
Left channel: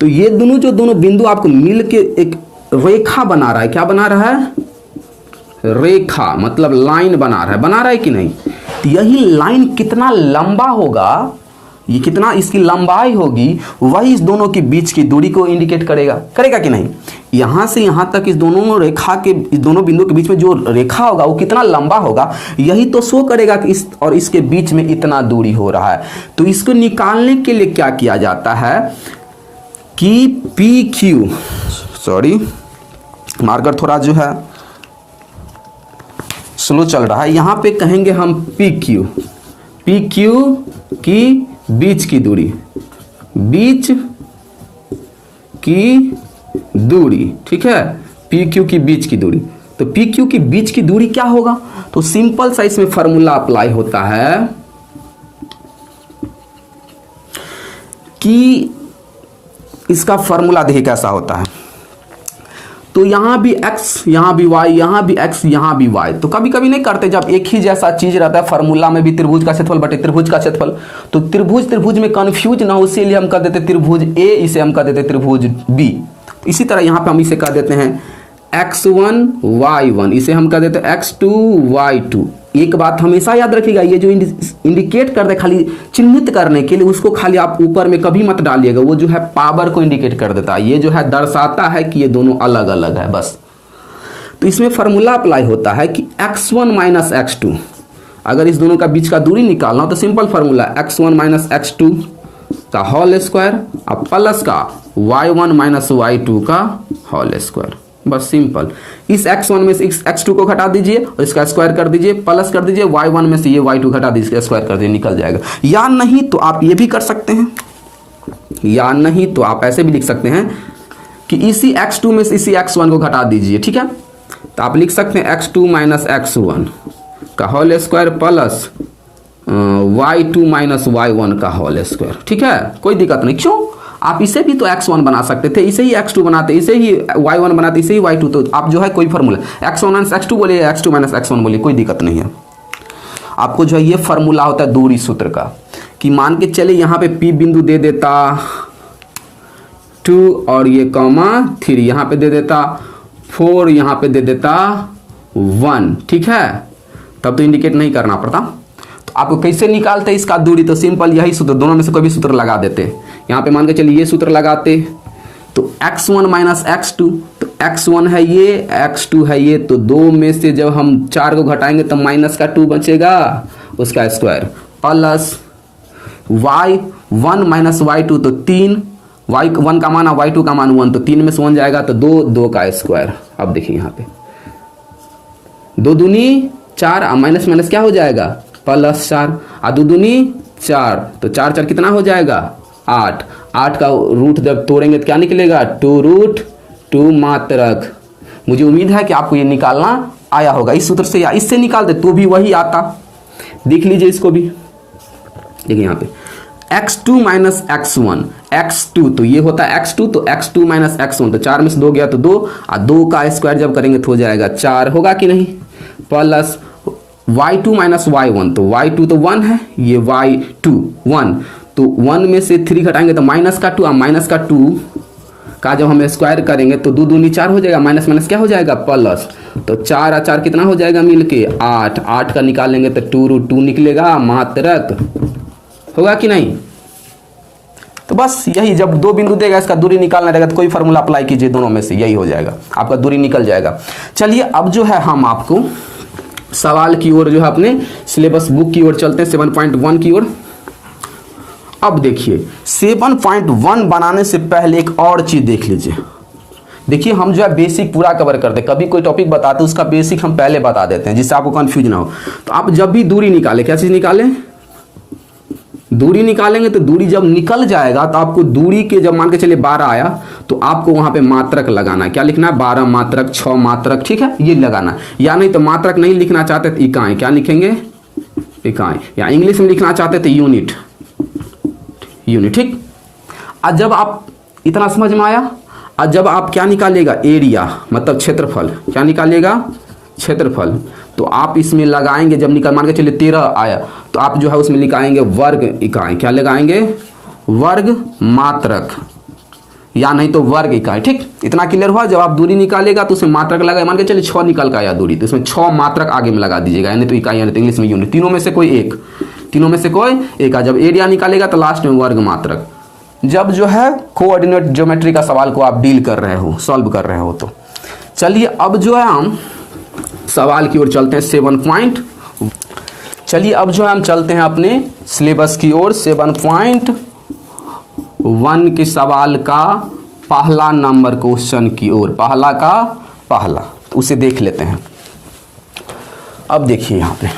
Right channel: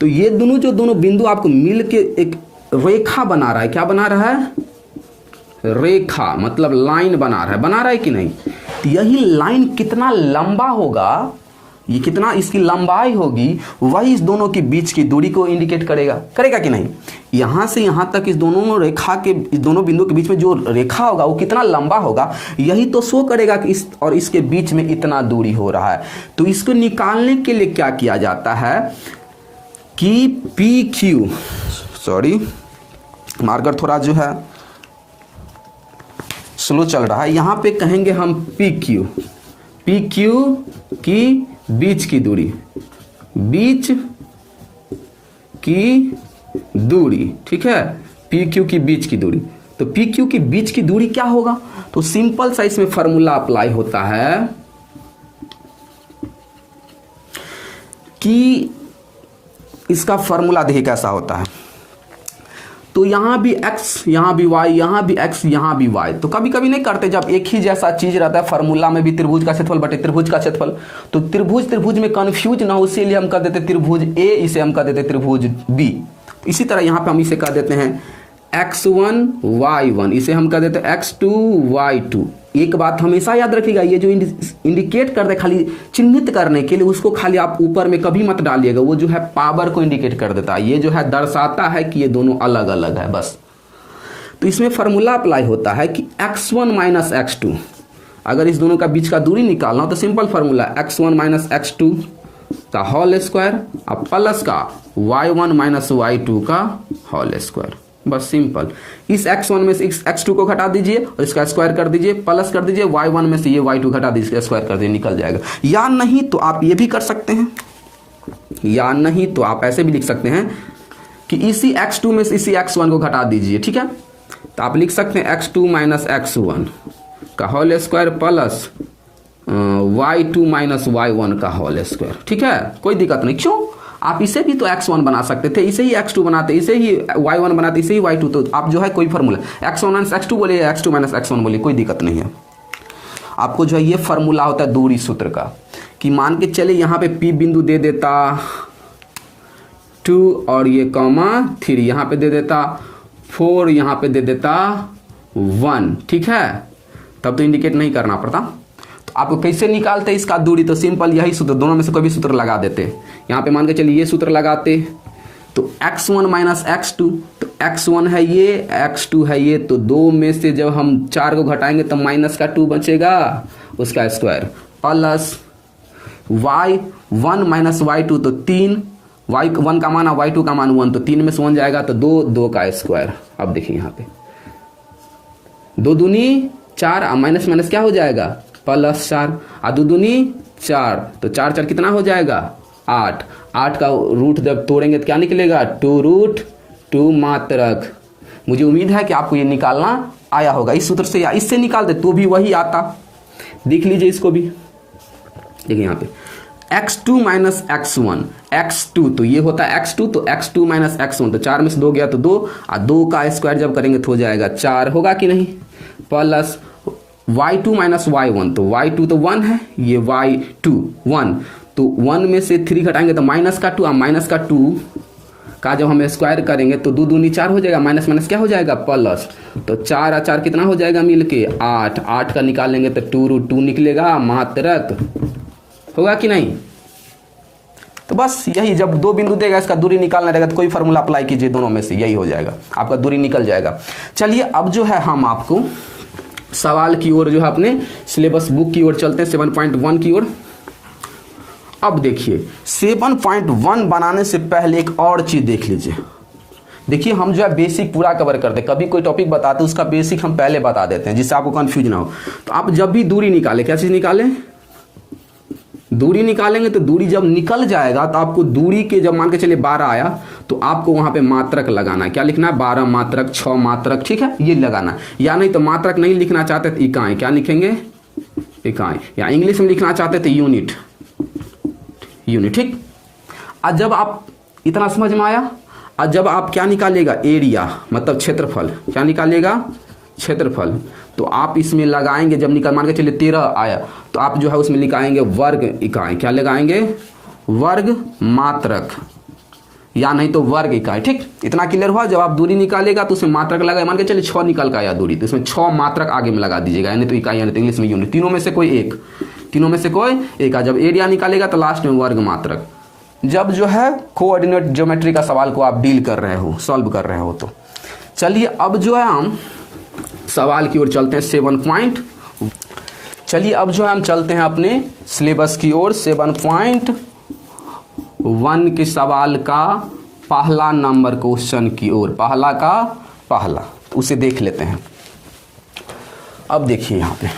तो ये दोनों बिंदु आपको मिल के एक रेखा बना रहा है। क्या बना रहा है? रेखा, मतलब लाइन बना रहा है कि नहीं। तो यही लाइन कितना लंबा होगा, ये कितना इसकी लंबाई होगी, वही इस दोनों के बीच की दूरी को इंडिकेट करेगा कि नहीं। यहां से यहां तक इस दोनों बिंदु के बीच में जो रेखा होगा वो कितना लंबा होगा, यही तो शो करेगा कि इस और इसके बीच में इतना दूरी हो रहा है। तो इसको निकालने के लिए क्या किया जाता है कि PQ, सॉरी मार्कर थोड़ा जो है स्लो चल रहा है, यहां पे कहेंगे हम PQ की बीच की दूरी, ठीक है, PQ की बीच की दूरी। तो PQ की बीच की दूरी क्या होगा, तो सिंपल सा इसमें फॉर्मूला अप्लाई होता है कि इसका फॉर्मूला देखिए कैसा होता है। तो यहां भी x, यहां भी y, यहां भी x, यहां भी y। तो कभी कभी नहीं करते, जब एक ही जैसा चीज रहता है फॉर्मूला में भी त्रिभुज का क्षेत्रफल बटे त्रिभुज का क्षेत्रफल, तो त्रिभुज में कंफ्यूज ना हो इसीलिए हम कर देते त्रिभुज A, इसे हम कर देते त्रिभुज B। इसी तरह यहां पे हम इसे कर देते हैं x1 y1, इसे हम कर देते हैं x2 y2। एक बात हमेशा याद रखिएगा, ये जो इंडिकेट कर दे खाली चिन्हित करने के लिए, उसको खाली आप ऊपर में कभी मत डालिएगा, वो जो है पावर को इंडिकेट कर देता है, ये जो है दर्शाता है कि ये दोनों अलग अलग है बस। तो इसमें फॉर्मूला अप्लाई होता है कि x1 माइनस x2, अगर इस दोनों का बीच का दूरी निकालना हो तो simple formula x1 minus x2 का होल स्क्वायर और प्लस का y1 माइनस y2 का होल स्क्वायर, बस सिंपल। इस x1 में से x2 को घटा दीजिए और इसका स्क्वायर कर दीजिए, प्लस कर दीजिए, y1 में से ये y2 घटा दीजिए, स्क्वायर कर दीजिए, निकल जाएगा। या नहीं तो आप ये भी कर सकते हैं, या नहीं तो आप ऐसे भी लिख सकते हैं कि इसी x2 में से इसी x1 को घटा दीजिए, ठीक है। तो आप लिख सकते हैं x2 माइनस x1 का whole square plus y2 minus y1 का होल स्क्वायर, ठीक है। कोई दिक्कत नहीं, क्यों, आप इसे भी तो x1 बना सकते थे, इसे ही x2 बनाते, इसे ही y1 बनाते, इसे ही y2, तो आप जो है कोई फॉर्मूला x1 माइनस x2 बोलिए, x2 माइनस x1 बोलिए, कोई दिक्कत नहीं है। आपको जो है ये फॉर्मूला होता है दूरी सूत्र का, कि मान के चले यहाँ पे P बिंदु दे देता 2 और ये कॉमा 3, यहाँ पे दे देता 4, यहाँ पे दे देता 1, ठीक है। तब तो इंडिकेट नहीं करना पड़ता। तो आपको कैसे निकालते इसका दूरी, तो सिंपल यही सूत्र, दोनों में से कोई भी सूत्र लगा देते। यहाँ पे मान के चलिए ये सूत्र लगाते, तो x1 माइनस x2, तो x1 है ये, x2 है ये, तो 2 में से जब हम 4 को घटाएंगे तो माइनस का 2 बचेगा, उसका square, plus y1 minus y2, तो 3, y1 का मान y2 का मान 1, तो 3 में से 1 जाएगा तो 2, 2 का स्क्वायर। अब देखिए यहाँ पे 2 दूनी 4, माइनस माइनस क्या हो जाएगा, प्लस 4, 2 दूनी 4, तो 4 4 कितना हो जाएगा 8, 8 का रूट जब तोड़ेंगे तो क्या निकलेगा 2√2 मात्रक। मुझे उम्मीद है कि आपको ये निकालना आया होगा इस सूत्र से, या इससे निकाल दे तो भी वही आता। देख लीजिए इसको भी, देखिए यहाँ पे x2 माइनस x1, x2 तो ये होता है x2, तो x2 माइनस x1, तो 4 में से 2 गया तो 2, और 2 का स्क्वायर जब करेंगे तो हो जाएगा 4, होगा कि नहीं, प्लस y2 माइनस y1, तो y2 तो 1 है, ये y2 1, तो 1 में से 3 घटाएंगे तो माइनस का 2, माइनस का 2 का जब हम स्क्वायर करेंगे तो 2 दूनी 4 हो जाएगा, माइनस माइनस क्या हो जाएगा प्लस, तो 4 और 4 कितना हो जाएगा मिलके 8, 8 का निकाल लेंगे तो 2√2 निकलेगा मात्रक, होगा कि नहीं। तो बस यही, जब 2 बिंदु देगा इसका दूरी निकालना रहेगा तो कोई फार्मूला अप्लाई कीजिए, दोनों में से यही हो जाएगा, आपका दूरी निकल जाएगा। चलिए अब जो है हम आपको सवाल की ओर जो है अपने सिलेबस बुक की ओर चलते हैं, 7.1 की ओर। अब देखिए 7.1 बनाने से पहले एक और चीज देख लीजिए। देखिए हम जो है बेसिक पूरा कवर करते हैं, कभी कोई टॉपिक बताते हैं उसका बेसिक हम पहले बता देते हैं जिससे आपको कंफ्यूज ना हो। तो आप जब भी दूरी निकाले, क्या चीज निकालें, दूरी निकालेंगे, तो दूरी जब निकल जाएगा तो आपको दूरी के जब मान के चलिए 12 आया तो आपको वहां पे मात्रक लगाना है, क्या लिखना है 12 मात्रक 6 मात्रक, ठीक है, ये लगाना। या नहीं तो मात्रक नहीं लिखना चाहते तो इकाई, क्या लिखेंगे इकाई, या इंग्लिश में लिखना चाहते तो यूनिट, यूनिट, ठीक। आज जब आप इतना समझ में आया, आज जब आप क्या निकालेगा एरिया मतलब क्षेत्रफल, क्या निकालेगा क्षेत्रफल, तो आप इसमें लगाएंगे, जब निकाल मान के चलिए 13 आया तो आप जो है उसमें लिखाएंगे वर्ग इकाई, क्या लगाएंगे वर्ग मात्रक, या नहीं तो वर्ग इकाई, ठीक। इतना क्लियर हुआ। जब आप दूरी निकालेगा तो उसमें मात्रक लगाए, मान के चलिए 6 निकल का आया दूरी, तो उसमें 6 मात्रक आगे में लगा दीजिएगा, यानी तो इकाई, यानी तो इंग्लिश में यूनिट, तीनों में से कोई एक, तीनों में से कोई एक। जब एरिया निकालेगा तो लास्ट में वर्ग मात्रक। जब जो है कोऑर्डिनेट ज्योमेट्री का सवाल को आप डील कर रहे हो, सॉल्व कर रहे हो, तो चलिए अब जो है हम सवाल की ओर चलते हैं 7 चलिए अब जो है हम चलते हैं अपने सिलेबस की ओर 7.1 के सवाल का पहला नंबर क्वेश्चन की ओर, पहला का पहला, तो उसे देख लेते हैं। अब देखिए यहां पे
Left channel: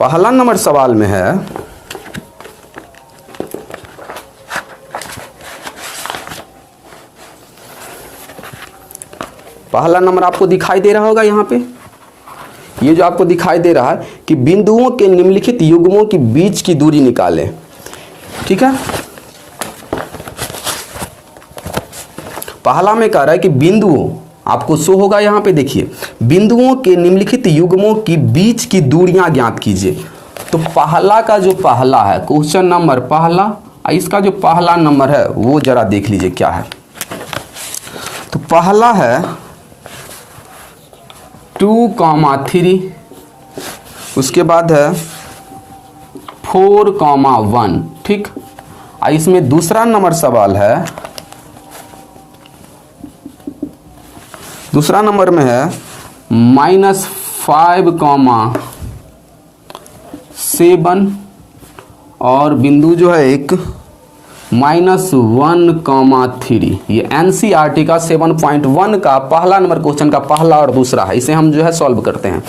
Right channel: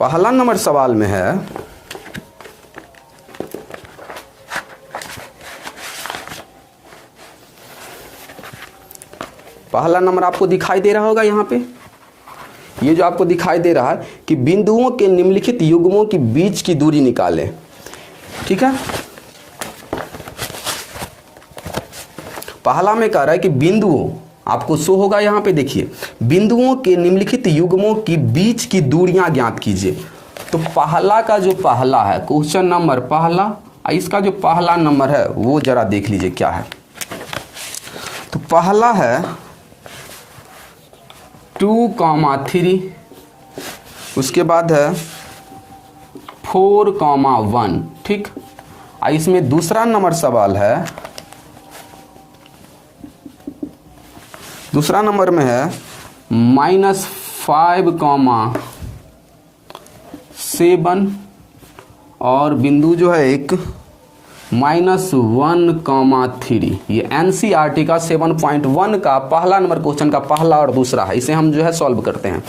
पहला नंबर सवाल में है, पहला नंबर आपको दिखाई दे रहा होगा यहाँ पे, ये जो आपको दिखाई दे रहा है कि बिंदुओं के निम्नलिखित युग्मों के बीच की दूरी निकालें, ठीक है। पहला में कह रहा है कि बिंदुओं, आपको शो होगा यहाँ पे, देखिए बिंदुओं के निम्नलिखित युग्मों की बीच की दूरियां ज्ञात कीजिए। तो पहला का जो पहला है क्वेश्चन नंबर पहला, इसका जो पहला नंबर है वो जरा देख लीजिए क्या है। तो पहला है 2,3, उसके बाद है 4,1, ठीक। इसमें दूसरा नंबर सवाल है, दूसरा नंबर में है -5,7 और बिंदु जो है एक -1,3। ये एनसीईआरटी का 7.1 का पहला नंबर क्वेश्चन का पहला और दूसरा है, इसे हम जो है सॉल्व करते हैं।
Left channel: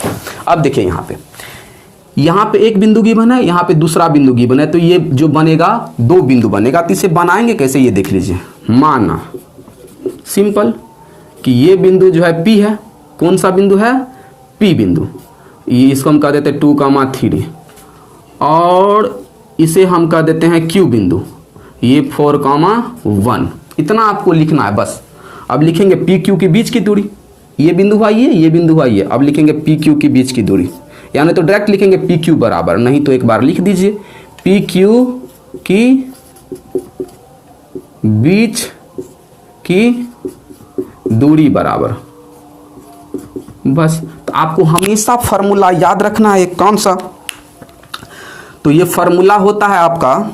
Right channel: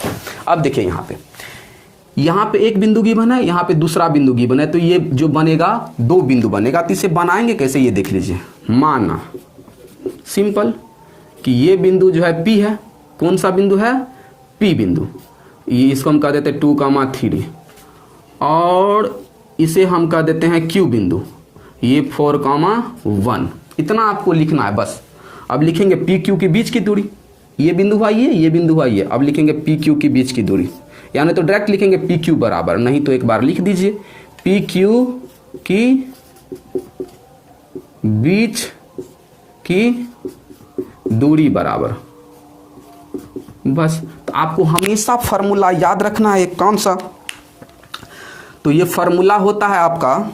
अब देखिए यहाँ पे यहाँ पे एक बिंदु गिवन है, यहाँ पे दूसरा बिंदु गिवन है, तो ये जो बनेगा 2 बिंदु बनेगा। तो इसे बनाएंगे कैसे ये देख लीजिए। माना सिंपल कि ये बिंदु जो है P है, कौन सा बिंदु है, P बिंदु, ये इसको हम कह देते हैं 2,3 और इसे हम कह देते हैं Q बिंदु, ये 4,1। इतना आपको लिखना है बस। अब लिखेंगे PQ के बीच की दूरी, ये बिंदु हुआ ये बिंदु हुआ ये। अब लिखेंगे PQ के बीच की दूरी, यानी तो डायरेक्ट लिखेंगे PQ बराबर, नहीं तो एक बार लिख दीजिए PQ की बीच की दूरी बराबर। बस तो आपको हमेशा फॉर्मूला याद रखना है। कौन सा, तो ये फॉर्मूला होता है आपका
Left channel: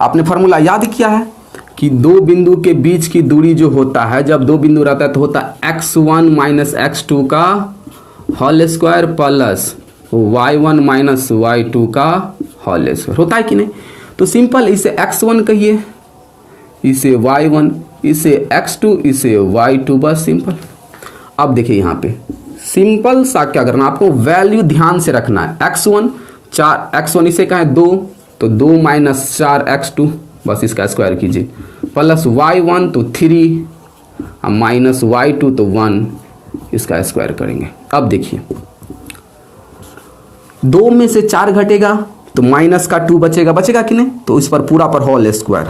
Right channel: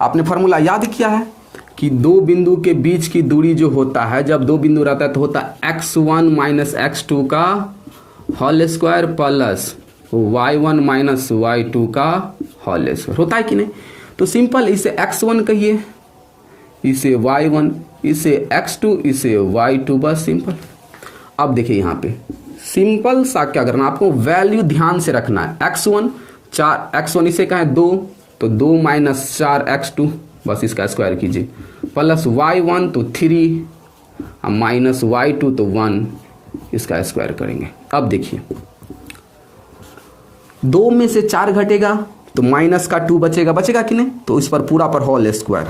आपने फॉर्मूला याद किया है कि 2 बिंदु के बीच की दूरी जो होता है, जब 2 बिंदु रहता है तो होता है x1 माइनस x2 का whole square plus y1 minus y2 का होल स्क्वायर, होता है कि नहीं। तो सिंपल इसे x1 कहिए, इसे y1, इसे x2, इसे y2, बस सिंपल। अब देखिए यहाँ पे सिंपल सा क्या करना, आपको वैल्यू ध्यान से रखना है। x1 4, x1 इसे कहें 2, तो 2 माइनस 4x2, बस इसका स्क्वायर कीजिए, प्लस y1 तो 3 माइनस y2 तो 1, इसका स्क्वायर करेंगे। अब देखिए 2 में से 4 घटेगा तो माइनस का 2 बचेगा कि नहीं, तो इस पर पूरा पर होल स्क्वायर,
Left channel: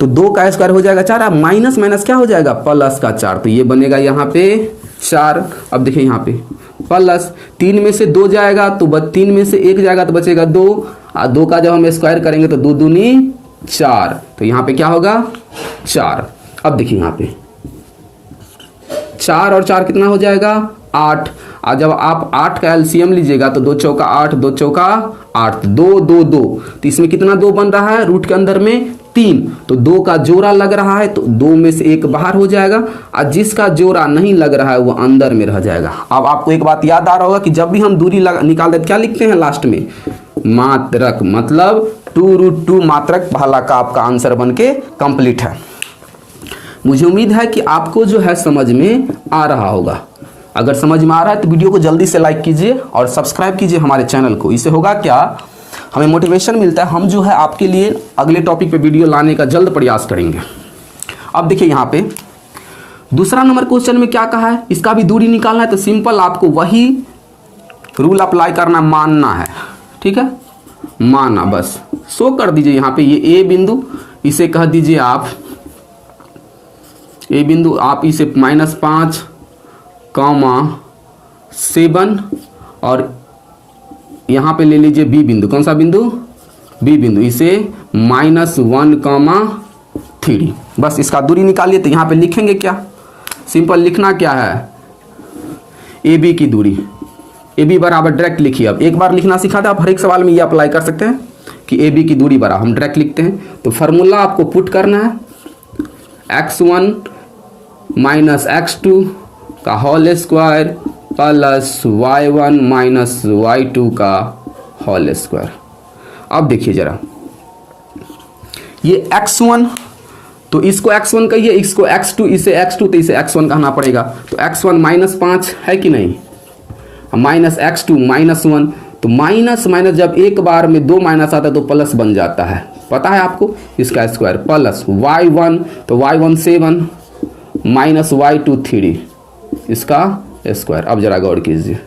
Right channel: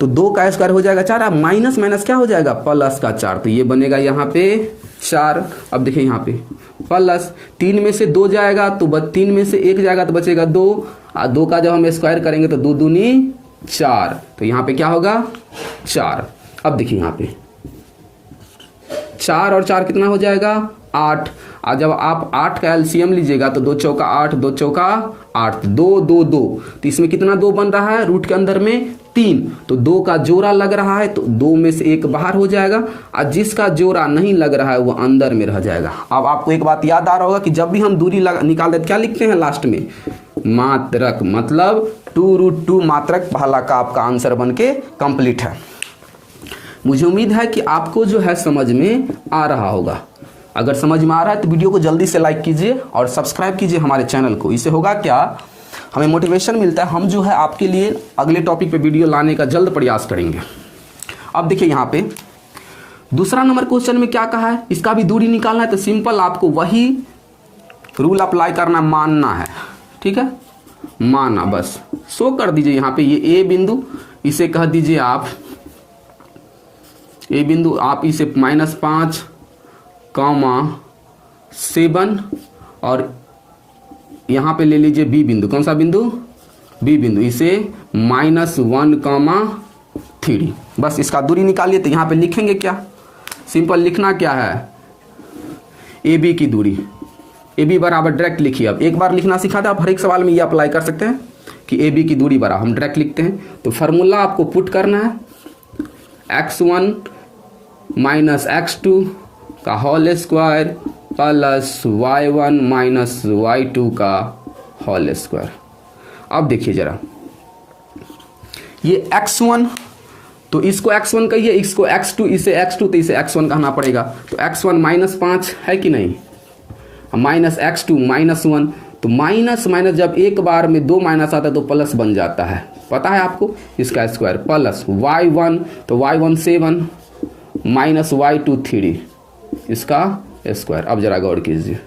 तो 2 का स्क्वायर हो जाएगा 4, माइनस माइनस क्या हो जाएगा, प्लस का 4, तो ये बनेगा यहाँ पे 4। अब देखिए यहाँ पे प्लस 3 में से 2 जाएगा तो 3 में से 1 जाएगा तो बचेगा 2, और 2 का जब हम स्क्वायर करेंगे तो 2 दूनी 4, तो यहाँ पे क्या होगा 4। अब देखिए यहाँ पे 4 और 4 कितना हो जाएगा 8, और जब आप 8 का एलसीएम लीजिएगा तो 2 चौका 8, 2 चौका 8, 2 2 2, तो इसमें कितना 2 बन रहा है, रूट के अंदर में 3, तो 2 का जोड़ा लग रहा है तो 2 में से 1 बाहर हो जाएगा, और जिसका जोड़ा नहीं लग रहा है वो अंदर में रह जाएगा। अब आपको एक बात याद आ रहा होगा कि जब भी हम दूरी निकाल देते क्या लिखते हैं लास्ट में, मात्रक, मतलब 2√2 मात्रक पहला का आपका आंसर बन के कंप्लीट है। मुझे उम्मीद है कि आपको जो है समझ में आ रहा होगा। अगर समझ में आ रहा है तो वीडियो को जल्दी से लाइक कीजिए और सब्सक्राइब कीजिए हमारे चैनल को। इससे होगा क्या, हमें मोटिवेशन मिलता है, हम जो है आपके लिए अगले टॉपिक पे वीडियो लाने का जल्द प्रयास करेंगे। अब देखिए यहाँ पे दूसरा नंबर क्वेश्चन में क्या कहा है, इसका भी दूरी निकालना है, तो सिंपल आपको वही रूल अप्लाई करना, मानना है, ठीक है, माना, बस शो कर दीजिए। यहाँ पे ये ए बिंदु, इसे कह दीजिए आप ए बिंदु, आप इसे -5, 7 और यहाँ पे ले लीजिए बी बिंदु, कौन सा बिंदु, बी बिंदु, इसे -1, 3, बस इसका दूरी निकालिए। तो यहाँ पे लिखेंगे क्या, सिंपल लिखना क्या है, ए बी की दूरी, ए बी बराबर डायरेक्ट लिखिए। अब एक बार लिखना सिखा था, आप हर एक सवाल में ये अप्लाई कर सकते हैं कि ए बी की दूरी बराबर हम डायरेक्ट लिखते हैं। तो फार्मूला आपको पुट करना है x1 माइनस x2 का whole square plus y1 minus y2 का होल स्क्वायर। अब देखिए जरा, ये x1, तो इसको x1 कहिए, इसको x2, इसे x2, तो इसे x1 कहना पड़ेगा। तो x1 -5 है कि नहीं, माइनस x2 -1, तो माइनस माइनस जब एक बार में 2 माइनस आता है तो प्लस बन जाता है, पता है आपको, इसका स्क्वायर प्लस y1, तो y1 7 माइनस y2 3, इसका स्क्वायर। अब जरा गौर कीजिए,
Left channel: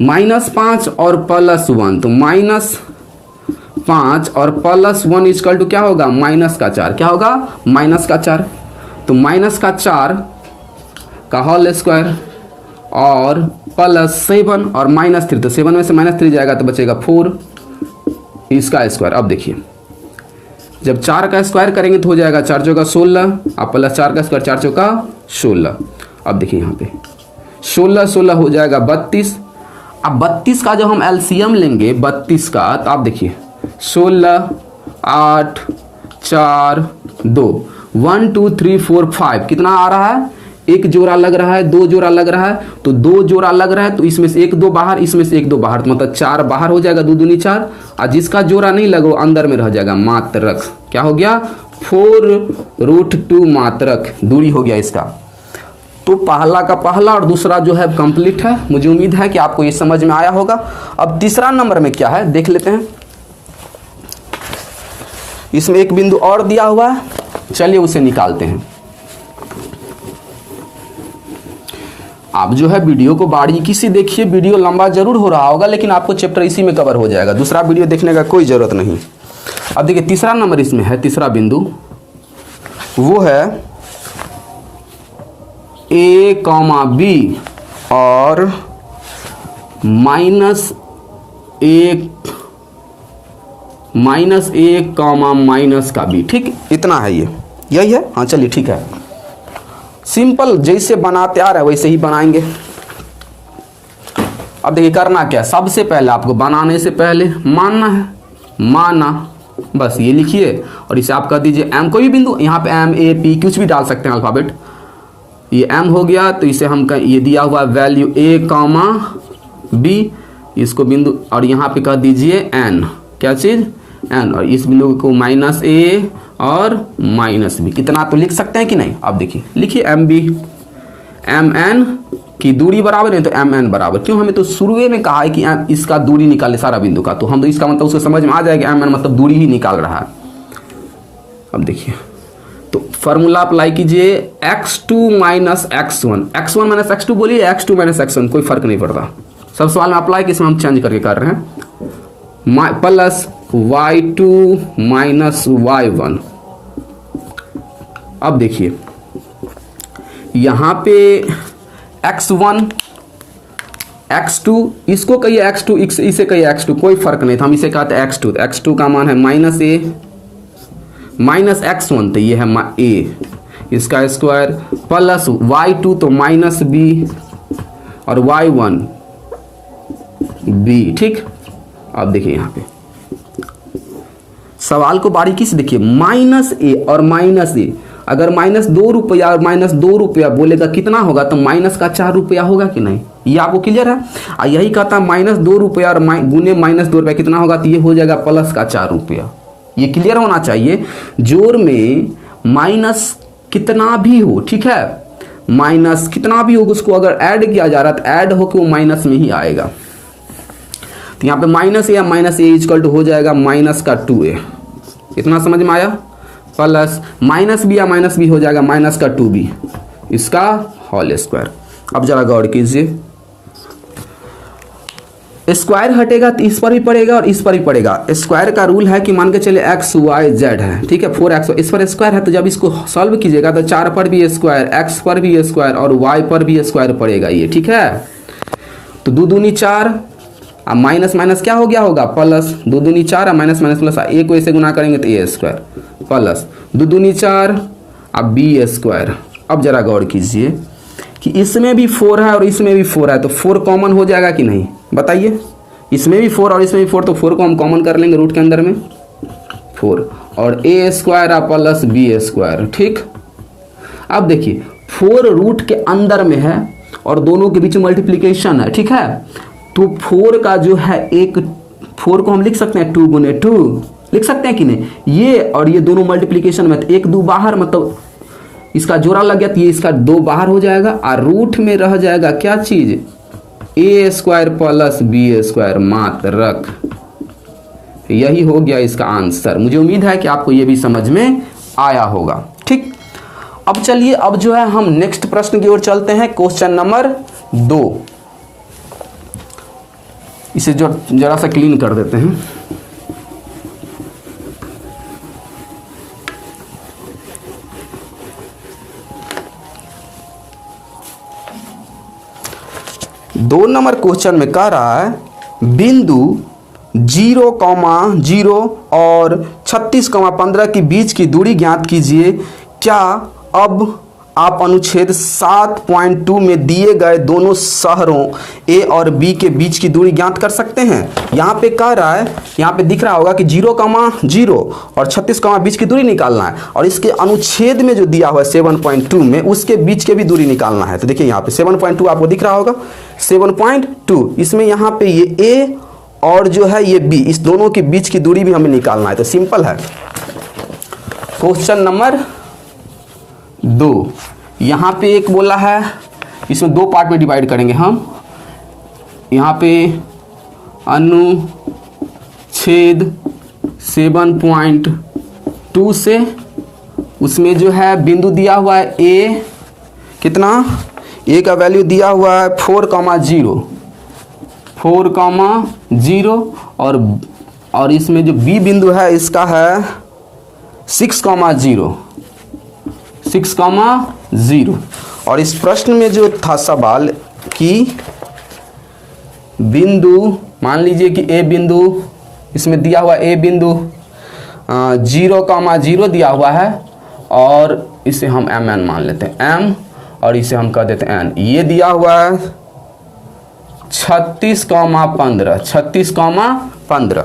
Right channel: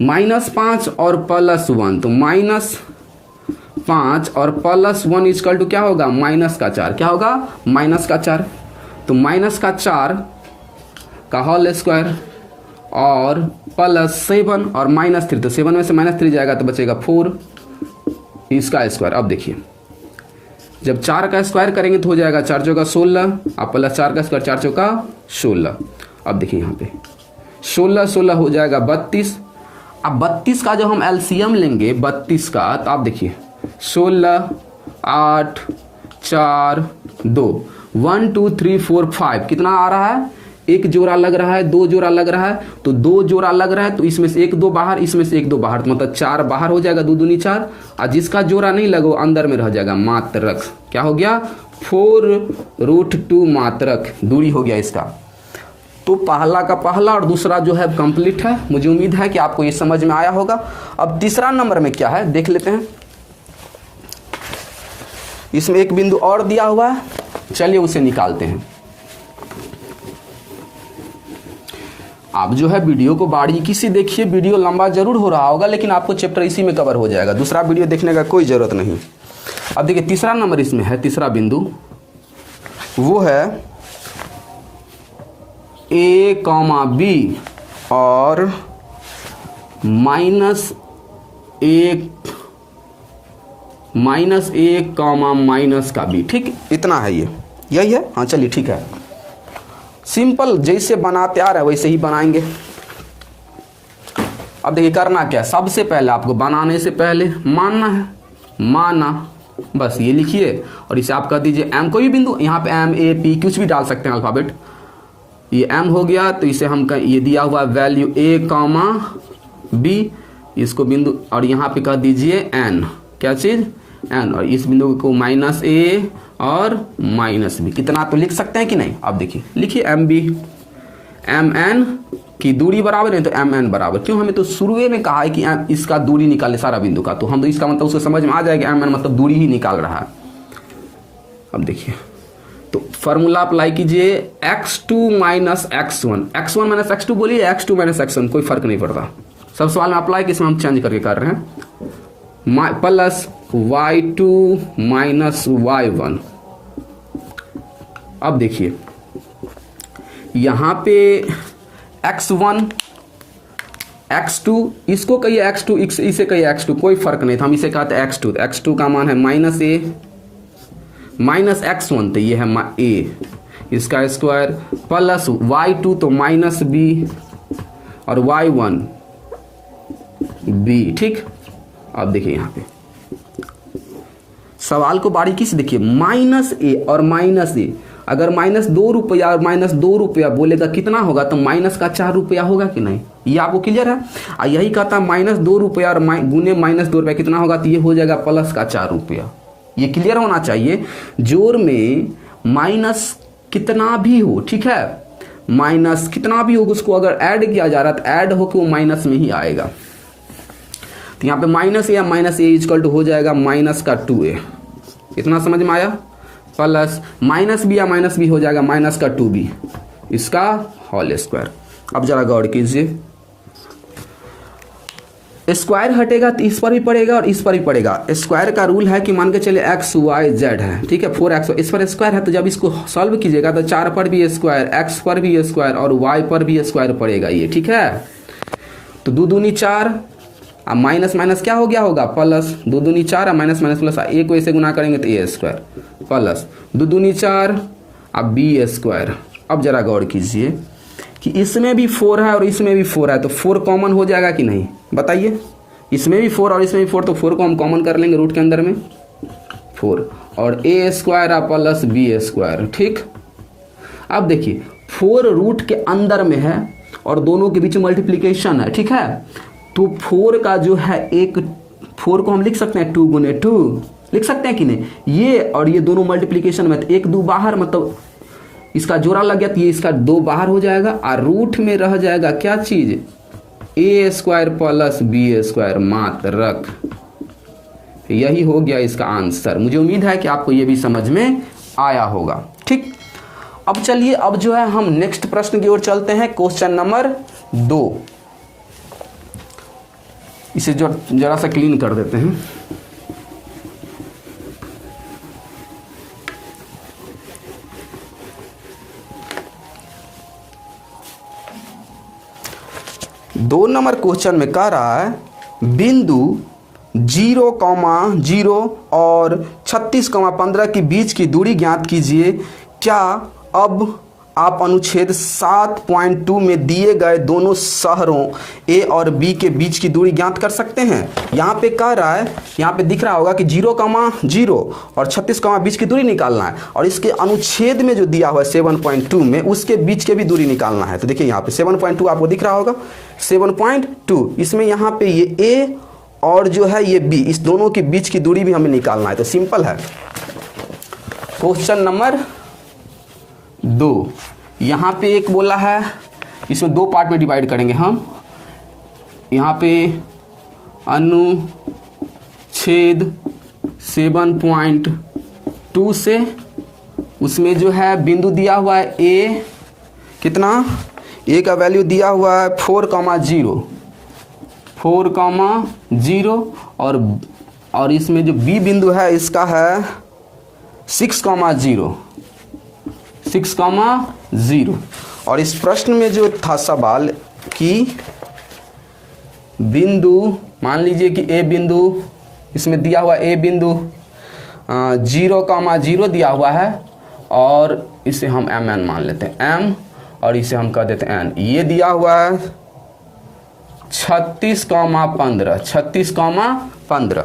-5 और +1, तो -5 और +1 इक्वल टू क्या होगा, माइनस का 4, क्या होगा, माइनस का 4, तो माइनस का 4 का होल स्क्वायर और +7 और -3, तो 7 में से -3 जाएगा तो बचेगा 4, इसका स्क्वायर। अब देखिए जब 4 का स्क्वायर करेंगे तो हो जाएगा 4 चौका 16, अब +4 का स्क्वायर 4 चौका 16। अब देखिए यहाँ पे 16 हो जाएगा 32। अब 32 का जब हम एलसीएम लेंगे 32 का, तो आप देखिए 16, 8, 4, 2, 1 2 3 4 5, कितना आ रहा है, एक जोड़ा लग रहा है, 2 जोड़ा लग रहा है, तो 2 जोड़ा लग रहा है, तो इसमें से 1 2 बाहर, इसमें से 1 2 बाहर, तो मतलब 4 बाहर हो जाएगा, 2 दूनी 4, और जिसका जोड़ा नहीं लगा वो अंदर में रह जाएगा, मात्रक। क्या हो गया, 4√2 मात्रक दूरी हो गया इसका। तो पहला का पहला और दूसरा जो है कंप्लीट है। मुझे उम्मीद है कि आपको ये समझ में आया होगा। अब तीसरा नंबर में क्या है देख लेते हैं। इसमें एक बिंदु और दिया हुआ है, चलिए उसे निकालते हैं। आप जो है वीडियो को बारीकी से देखिए, वीडियो लंबा जरूर हो रहा होगा लेकिन आपको चैप्टर इसी में कवर हो जाएगा, दूसरा वीडियो देखने का कोई जरूरत नहीं। अब देखिए तीसरा नंबर इसमें है, तीसरा बिंदु वो है a, b और -1 माइनस का b, ठीक, इतना है, ये यही है। हाँ चलिए ठीक है, सिंपल जैसे बनाते आ रहा है वैसे ही बनाएंगे। अब देखिए करना क्या है, सबसे पहले आपको बनाने से पहले मानना है, माना, बस ये लिखिए और इसे आप कर दीजिए m, कोई भी बिंदु, यहाँ पे m a p कुछ भी डाल सकते हैं अल्फाबेट। ये m हो गया तो इसे हम ये दिया हुआ वैल्यू a, b, इसको बिंदु और यहाँ पे कर दीजिए n, क्या चीज n, और इस बिंदु को -a और -b, कितना तो लिख सकते हैं कि नहीं। अब देखिए लिखिए mb, mn की दूरी बराबर है तो mn बराबर, क्यों, हमें तो शुरू में कहा है कि इसका दूरी निकाले सारा बिंदु का, तो हम तो इसका मतलब उसको समझ में आ जाएगा mn मतलब दूरी ही निकाल रहा है। अब देखिए तो फॉर्मूला अप्लाई कीजिए, x2 minus x1, x1 minus x2 बोलिए, x2 माइनस x1 कोई फर्क नहीं पड़ता, सब सवाल में अप्लाई किसमें हम चेंज करके कर रहे हैं, प्लस y2 माइनस y1। अब देखिए यहां पे x1 x2, इसको कहिए x2, इसे कहिए x2, कोई फर्क नहीं था, हम इसे कहते हैं x2, x2 का मान है -a माइनस x1 तो ये है a, इसका स्क्वायर, प्लस y2 तो -b और y1 b, ठीक। अब देखिए यहाँ पे सवाल को बारीकी से देखिए, -a और -a, अगर -2 रुपया और -2 रुपया बोलेगा कितना होगा, तो माइनस का 4 रुपया होगा कि नहीं, ये आपको क्लियर है। और यही कहता है -2 रुपया और गुने -2 रुपया कितना होगा, तो ये हो जाएगा प्लस का 4 रुपया। ये क्लियर होना चाहिए, जोड़ में माइनस कितना भी हो, ठीक है, माइनस कितना भी हो उसको अगर ऐड किया जा रहा है तो ऐड होकर वो माइनस में ही आएगा। तो यहाँ पे -a या -a इक्वल टू हो जाएगा -2a, इतना समझ में आया, प्लस -b या -b हो जाएगा -2b, इसका होल स्क्वायर। अब जरा गौर कीजिए, स्क्वायर हटेगा तो इस पर भी पड़ेगा और इस पर भी पड़ेगा। स्क्वायर का रूल है कि मान के चले x y z है, ठीक है, 4x, इस पर स्क्वायर है तो जब इसको सॉल्व कीजिएगा तो 4 पर भी स्क्वायर, x पर भी स्क्वायर और y पर भी स्क्वायर पड़ेगा, ये ठीक है। तो 2 दूनी 4, अब माइनस माइनस क्या हो गया होगा, प्लस, 2 दूनी 4 और माइनस माइनस प्लस, a को ऐसे गुना करेंगे तो a स्क्वायर, प्लस 2 दूनी 4 अब b स्क्वायर। अब जरा गौर कीजिए कि इसमें भी 4 है और इसमें भी 4 है, तो 4 कॉमन हो जाएगा कि नहीं, बताइए, इसमें भी 4 और इसमें भी 4, तो 4 को हम कॉमन कर लेंगे रूट के अंदर में 4, और a square plus b square, ठीक। अब देखिए 4 रूट के अंदर में है और दोनों के बीच मल्टीप्लीकेशन है, ठीक है, तो 4 का जो है एक 4 को हम लिख सकते हैं 2 गुने 2, लिख सकते हैं कि नहीं, ये और ये दोनों मल्टीप्लीकेशन में, तो 1 2 बाहर, मतलब इसका जोड़ा लग गया तो ये इसका 2 बाहर हो जाएगा और रूट में रह जाएगा क्या चीज, a square plus b square, मात्र रख, यही हो गया इसका आंसर। मुझे उम्मीद है कि आपको ये भी समझ में आया होगा, ठीक। अब चलिए, अब जो है हम नेक्स्ट प्रश्न की ओर चलते हैं, क्वेश्चन नंबर 2, इसे जो जरा सा क्लीन कर देते हैं। दो नंबर क्वेश्चन में कह रहा है बिंदु 0,0 और 36,15 के बीच की दूरी ज्ञात कीजिए। क्या अब आप अनुच्छेद 7.2 में दिए गए दोनों शहरों ए और बी के बीच की दूरी ज्ञात कर सकते हैं। यहाँ पे कह रहा है, यहाँ पे दिख रहा होगा कि 0,0 और 36, बीच की दूरी निकालना है, और इसके अनुच्छेद में जो दिया हुआ है 7.2 में उसके बीच के भी दूरी निकालना है। तो देखिए यहाँ पे 7.2 आपको दिख रहा होगा, 7.2, इसमें यहाँ पे ये ए और जो है ये बी, इस दोनों के बीच की दूरी भी हमें निकालना है। तो सिंपल है। क्वेश्चन नंबर 2, यहाँ पे एक बोला है, इसमें दो पार्ट में डिवाइड करेंगे हम। यहाँ पे अनुच्छेद 7.2 से उसमें जो है बिंदु दिया हुआ है ए, कितना, ए का वैल्यू दिया हुआ है 4,0 और इसमें जो बी बिंदु है इसका है 6,0 और इस प्रश्न में जो था सवाल कि बिंदु, मान लीजिए कि ए बिंदु, इसमें दिया हुआ ए बिंदु 0,0 दिया हुआ है और इसे हम एम एन मान लेते हैं, एम, और इसे हम कह देते हैं एन। ये दिया हुआ है 36,15।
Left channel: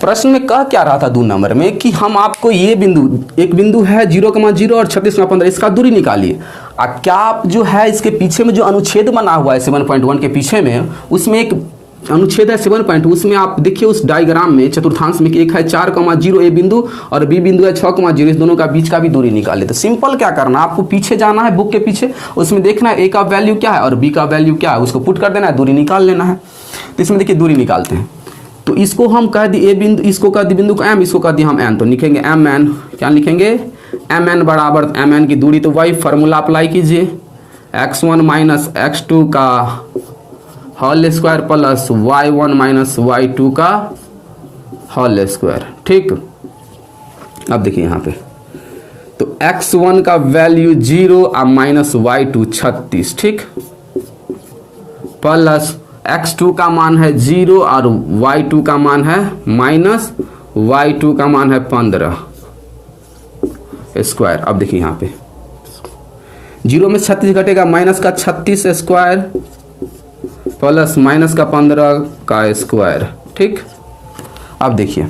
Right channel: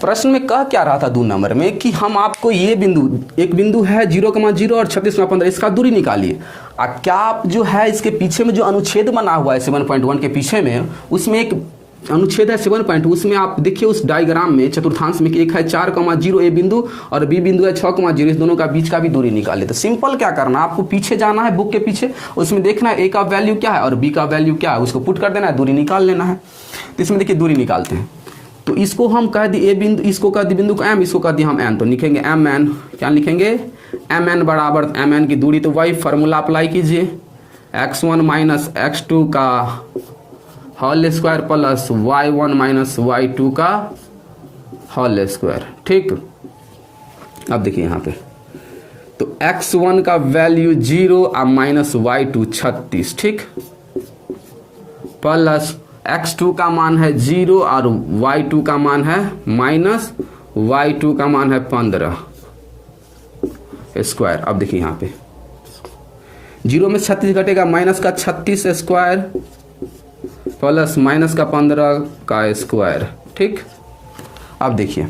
प्रश्न में कह क्या रहा था 2 नंबर में कि हम आपको ये बिंदु, एक बिंदु है 0,0 और 36,15, इसका दूरी निकालिए। क्या आप जो है इसके पीछे में जो अनुच्छेद बना हुआ है 7.1 के पीछे में, उसमें एक अनुच्छेद है 7.2, उसमें आप देखिए उस डायग्राम में चतुर्थांश में कि एक है 4,0 ए बिंदु और बी बिंदु है 6,0, इस दोनों का बीच का भी दूरी निकाले। तो सिंपल क्या करना, आपको पीछे जाना है बुक के पीछे, उसमें देखना है ए का वैल्यू क्या है और बी का वैल्यू क्या है, उसको पुट कर देना है, दूरी निकाल लेना है। तो इसमें देखिए दूरी निकालते हैं। तो इसको हम कह दी ए बिंदु, इसको कह दी बिंदु को एम, इसको कह दी हम एन। तो लिखेंगे एम एन, क्या लिखेंगे, एम एन बराबर, एम एन की दूरी तो वही फॉर्मूला अप्लाई कीजिए, x1 माइनस x2 का whole square plus y1 minus y2 का होल स्क्वायर। ठीक, अब देखिए यहाँ पे तो x1 का वैल्यू 0 और माइनस y2 36, ठीक, प्लस x2 का मान है 0 और y2 का मान है माइनस y2 का मान है 15 स्क्वायर। अब देखिए यहाँ पे 0 में 36 घटेगा, माइनस का 36 स्क्वायर प्लस माइनस का 15 का स्क्वायर। ठीक, अब देखिए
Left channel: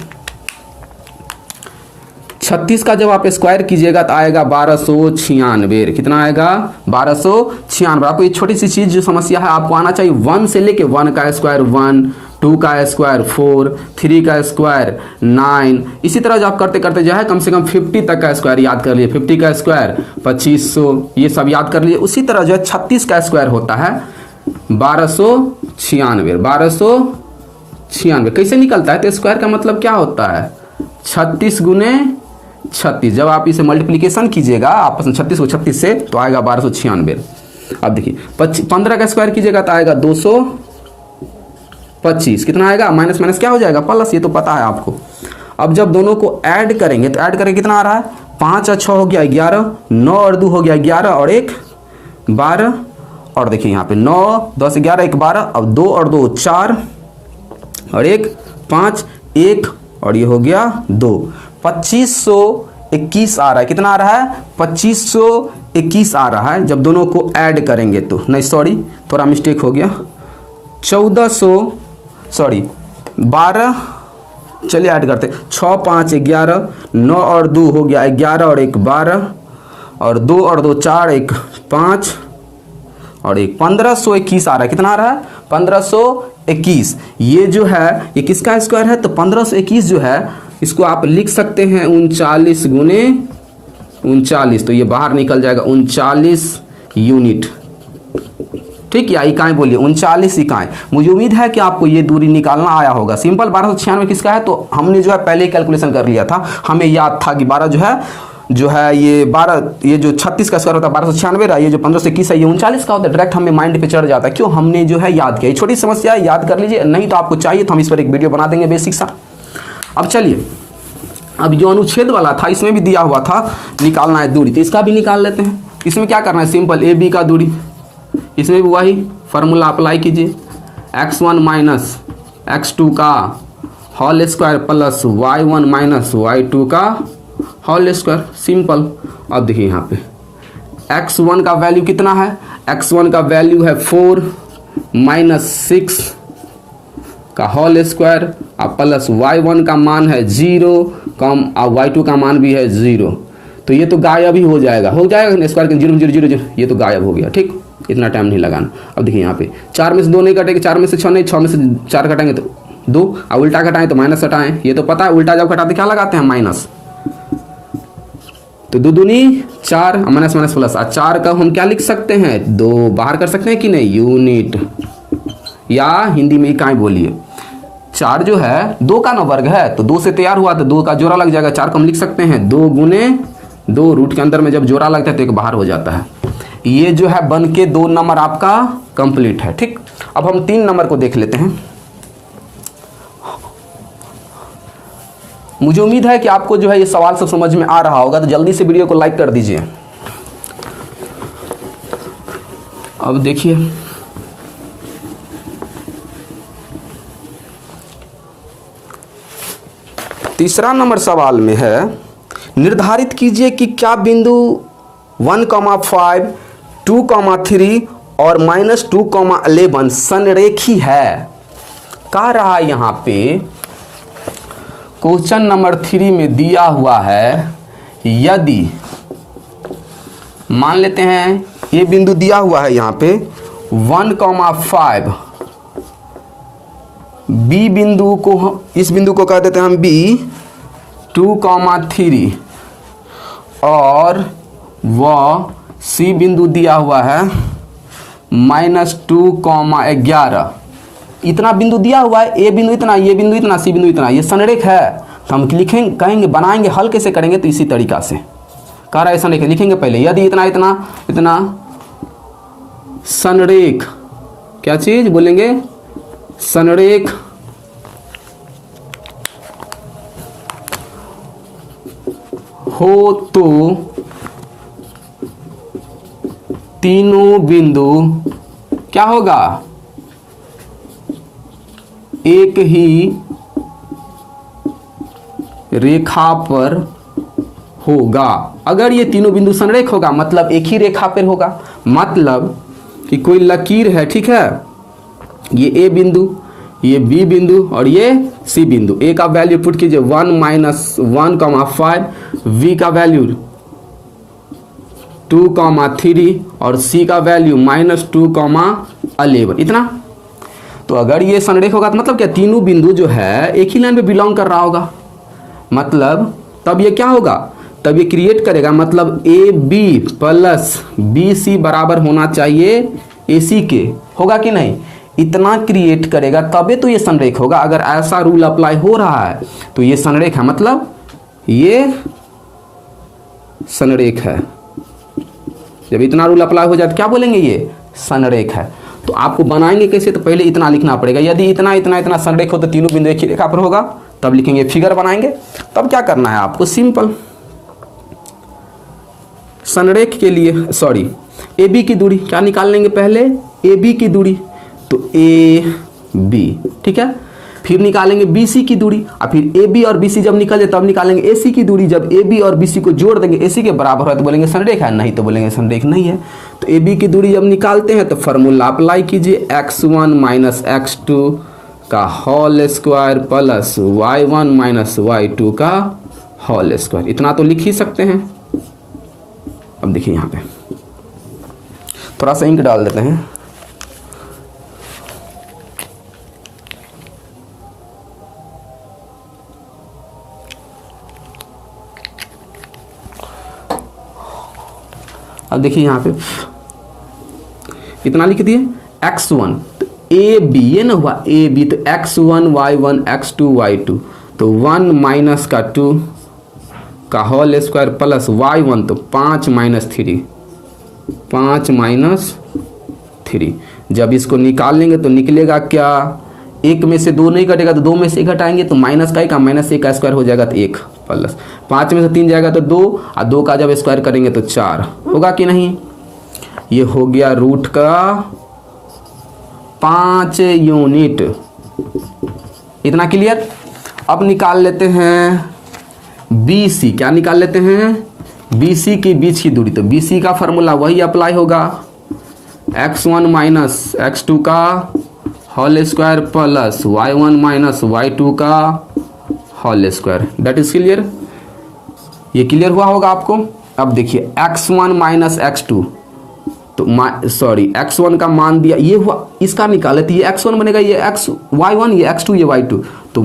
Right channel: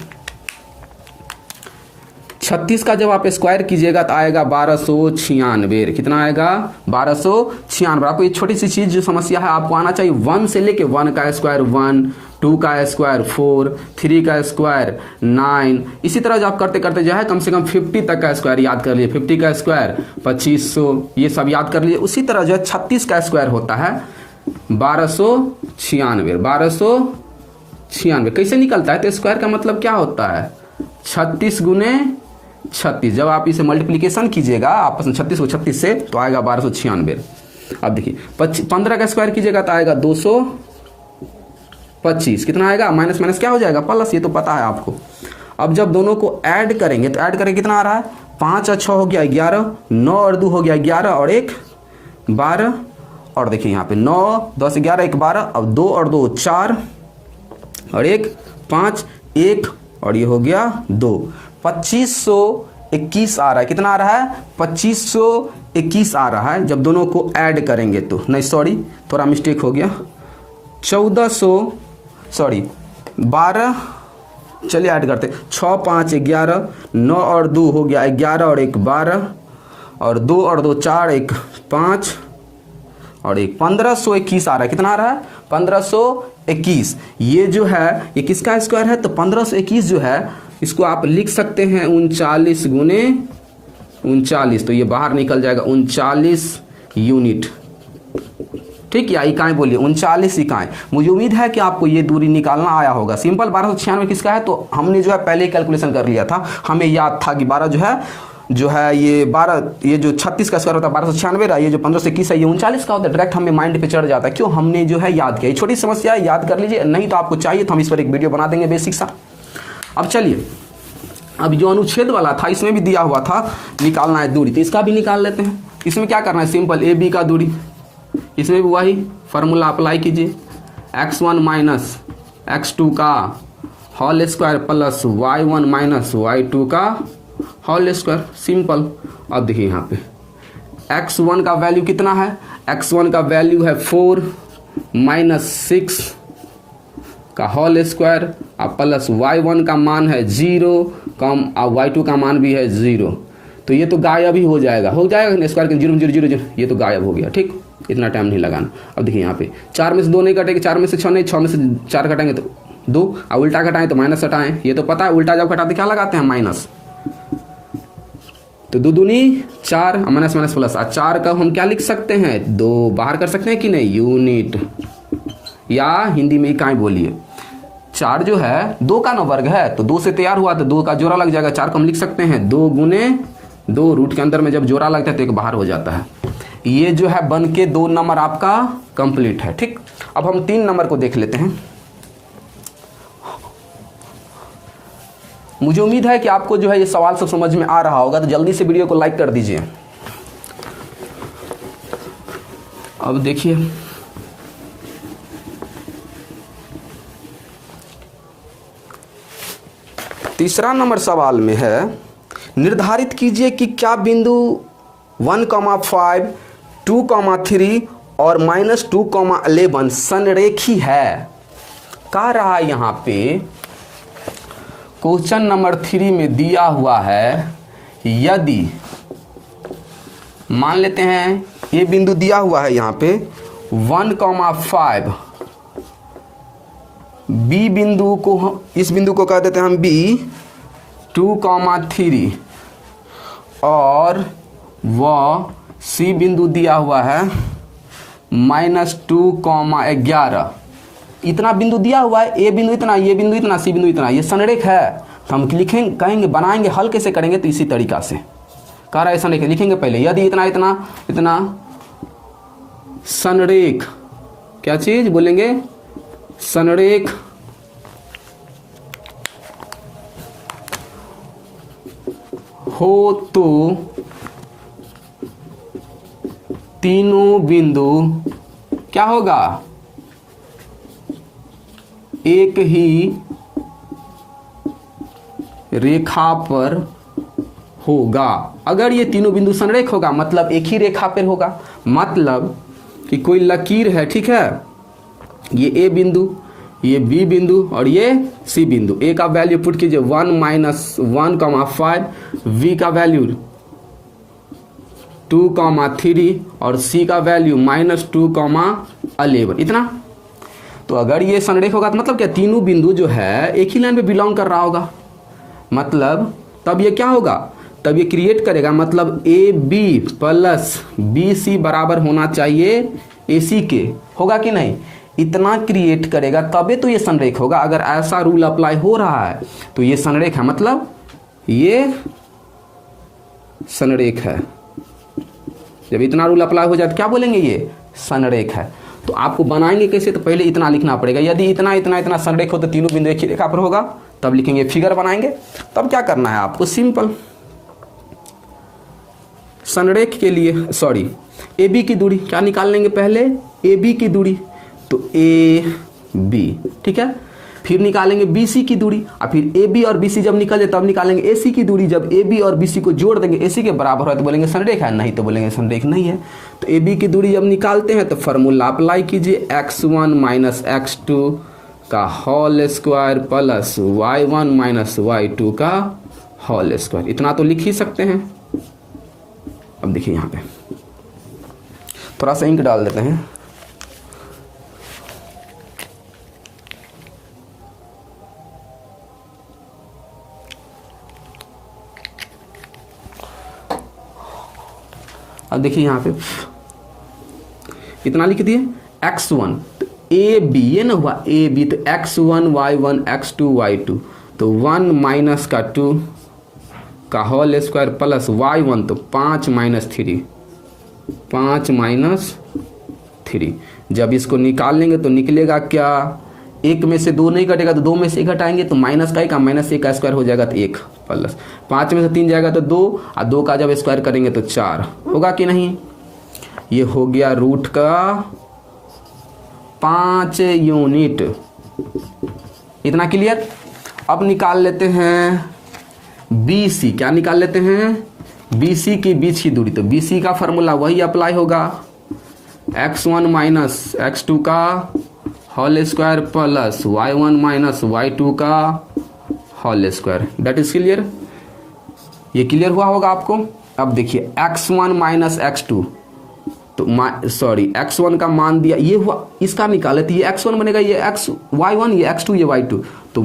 36 का जब आप स्क्वायर कीजिएगा तो आएगा 1296। कितना आएगा, 1296। आपको ये छोटी सी चीज जो समस्या है आपको आना चाहिए, 1 से लेके 1 का स्क्वायर 1, 2 का स्क्वायर 4, 3 का स्क्वायर 9, इसी तरह जो आप करते करते जो है कम से कम 50 तक का स्क्वायर याद कर लिए, 50 का स्क्वायर 2500, ये सब याद कर लिए। उसी तरह जो है 36 का स्क्वायर होता है 1296। कैसे निकलता है, तो स्क्वायर का मतलब क्या होता है, 36 गुने 36। जब आप इसे मल्टीप्लीकेशन कीजिएगा आपस में 36 को 36 से तो आएगा 1296। अब देखिए 15 का स्क्वायर कीजिएगा तो आएगा 225। कितना आएगा, माइनस माइनस क्या हो जाएगा, प्लस, ये तो पता है आपको। अब जब दोनों को ऐड करेंगे तो ऐड करेंगे कितना आ रहा है, 5 और 6 हो गया 11, 9 और 2 हो गया 11 और 1 12, और देखिए यहाँ पे 9 10 11 1 12, अब 2 और 2 4 और 1 5 1 और ये हो गया 2, 2521 आ रहा है। कितना आ रहा है, 2521 आ रहा है जब दोनों को ऐड करेंगे तो। नहीं सॉरी, थोड़ा मिस्टेक हो गया, 12, चलिए ऐड करते, 6 5 11, 9 और 2 हो गया 11 और 1 12, और 2 और 2 4 1 5 और 1 1521 आ रहा है। कितना आ रहा है, 1521। ये जो है ये किसका स्क्वायर है, तो 1521 जो है इसको आप लिख सकते हैं 39 गुने 39, तो ये बाहर निकल जाएगा 39 यूनिट। ठीक, या इकाई बोलिए, 39 इकाई। मुझे उम्मीद है कि आपको ये दूरी निकालना आया होगा। सिंपल 1296 किसका है, तो हमने जो है पहले ही कैलकुलेशन कर लिया था, हमें याद था कि 12 जो है ये 12, ये जो 36 का स्क्वायर होता है 1296, ये जो 1521 है ये 39 का होता है। डायरेक्ट हमें माइंड पे चढ़ जाता है, क्यों, हमने जो है याद किया। ये छोटी समस्या है, याद कर लीजिए, नहीं तो आपको चाहिए तो हम इस पर एक वीडियो बना देंगे बेसिक सा। अब चलिए, अब जो अनुच्छेद वाला था इसमें भी दिया हुआ था निकालना है दूरी, तो इसका भी निकाल लेते हैं। इसमें क्या करना है, सिंपल ए बी का दूरी, इसमें भी वही फॉर्मूला अप्लाई कीजिए, x1 माइनस x2 का whole square plus y1 minus y2 का होल स्क्वायर, सिंपल। अब देखिए यहाँ पे x1 का वैल्यू कितना है, x1 का वैल्यू है 4 माइनस 6 का होल स्क्वायर और प्लस y1 का मान है 0 कम और y2 का मान भी है 0, तो ये तो गायब ही हो जाएगा स्क्वायर के 0 0 0 0, ये तो गायब हो गया। ठीक, इतना टाइम नहीं लगाना। अब देखिए यहाँ पे 4 में से 2 नहीं कटेंगे, 4 में से 6 नहीं, 6 में से 4 घटाएंगे तो 2, और उल्टा घटाएं तो माइनस हटाएं, ये तो पता है उल्टा जब घटाते क्या लगाते हैं माइनस। तो 2 दूनी 4, माइनस माइनस प्लस, 4 का हम क्या लिख सकते हैं, 2 बाहर कर सकते हैं कि नहीं, यूनिट, या हिंदी में इकाई बोलिए। 4 जो है 2 का ना वर्ग है, तो 2 से तैयार हुआ तो 2 का जोड़ा लग जाएगा, 4 को हम लिख सकते हैं 2 गुने 2, रूट के अंदर में जब जोड़ा लगता है तो एक बाहर हो जाता है। ये जो है बन के 2 नंबर आपका कंप्लीट है। ठीक, अब हम 3 नंबर को देख लेते हैं। मुझे उम्मीद है कि आपको जो है ये सवाल सब समझ में आ रहा होगा, तो जल्दी से वीडियो को लाइक कर दीजिए। अब देखिए, तीसरा नंबर सवाल में है, निर्धारित कीजिए कि क्या बिंदु 1,5, 2,3 और -2,11 संरेखी है। कह रहा है यहाँ पे क्वेश्चन नंबर 3 में दिया हुआ है, यदि मान लेते हैं ये बिंदु दिया हुआ है यहाँ पे 1,5, बी बिंदु को, इस बिंदु को कह देते हैं हम बी, 2,3 और वह सी बिंदु दिया हुआ है -2,11। इतना बिंदु दिया हुआ है, ए बिंदु इतना, ये बिंदु इतना, सी बिंदु इतना, ये संरेख है। तो हम लिखेंगे, कहेंगे, बनाएंगे, हल कैसे करेंगे, तो इसी तरीका से कह रहा है संरेख लिखेंगे। पहले यदि इतना इतना इतना संरेख, क्या चीज बोलेंगे, संरेख हो तो तीनों बिंदु क्या होगा, एक ही रेखा पर होगा। अगर ये तीनों बिंदु संरेख होगा मतलब एक ही रेखा पर होगा, मतलब कि कोई लकीर है, ठीक है, ये ए बिंदु, ये बी बिंदु और ये सी बिंदु। ए का वैल्यू पुट कीजिए 1 - 1,5, वी का वैल्यू 2,3 और सी का वैल्यू -2,11, इतना। तो अगर ये संरेख होगा तो मतलब क्या, तीनों बिंदु जो है एक ही लाइन पे बिलोंग कर रहा होगा, मतलब तब ये क्या होगा, तब ये क्रिएट करेगा, मतलब A B plus B C बराबर होना चाहिए ए सी के, होगा कि नहीं, इतना क्रिएट करेगा तबे तो ये संरेख होगा। अगर ऐसा रूल अप्लाई हो रहा है तो ये संरेख है, मतलब ये संरेख है। जब इतना रूल अप्लाई हो जाए तो क्या बोलेंगे, ये संरेख है। तो आपको बनाएंगे कैसे, तो पहले इतना लिखना पड़ेगा, यदि इतना इतना इतना संरेख हो तो तीनों बिंदु एक ही रेखा पर होगा, तब लिखेंगे, फिगर बनाएंगे। तब क्या करना है आपको, सिंपल, संरेख के लिए सॉरी ए बी की दूरी क्या निकाल लेंगे, पहले ए बी की दूरी, तो ए बी, ठीक है, फिर निकालेंगे बी सी की दूरी, और फिर ए बी और बी सी जब निकल जाए तब निकालेंगे ए सी की दूरी। जब ए बी और बी सी को जोड़ देंगे ए सी के बराबर है तो बोलेंगे संरेख है, नहीं तो बोलेंगे संरेख नहीं है। तो ए बी की दूरी जब निकालते हैं तो फॉर्मूला अप्लाई कीजिए, x1 - x2 का whole square plus y1 - y2 का होल स्क्वायर, इतना तो लिख ही सकते हैं। अब देखिए यहाँ पे थोड़ा सा इंक डाल देते हैं, अब देखिए यहाँ पे इतना लिख दिए, x1 तो ए बी, ये ना हुआ ए बी, तो x1 y1 x2 y2, तो 1 माइनस का 2 का होल स्क्वायर प्लस y1 तो 5 - 3, 5 - 3। जब इसको निकाल लेंगे तो निकलेगा क्या, एक में से 2 नहीं कटेगा तो 2 में से 1 घटाएंगे तो माइनस का -1 का स्क्वायर हो जाएगा तो 1 प्लस 5 में से 3 जाएगा तो 2 और 2 का जब स्क्वायर करेंगे तो 4 होगा कि नहीं। ये हो गया रूट का 5 यूनिट, इतना क्लियर। अब निकाल लेते हैं बी सी, क्या निकाल लेते हैं, बी सी की बीच की दूरी। तो बी सी का फॉर्मूला वही अप्लाई होगा, x1 - x2 का whole square plus y1 - y2 का whole square, that is clear. ये क्लियर हुआ होगा आपको। अब देखिए x1 - x2, तो सॉरी x1 का मान दिया, ये हुआ, इसका निकाले तो ये x1 बनेगा, ये y1, ये x2, ये y2, तो तो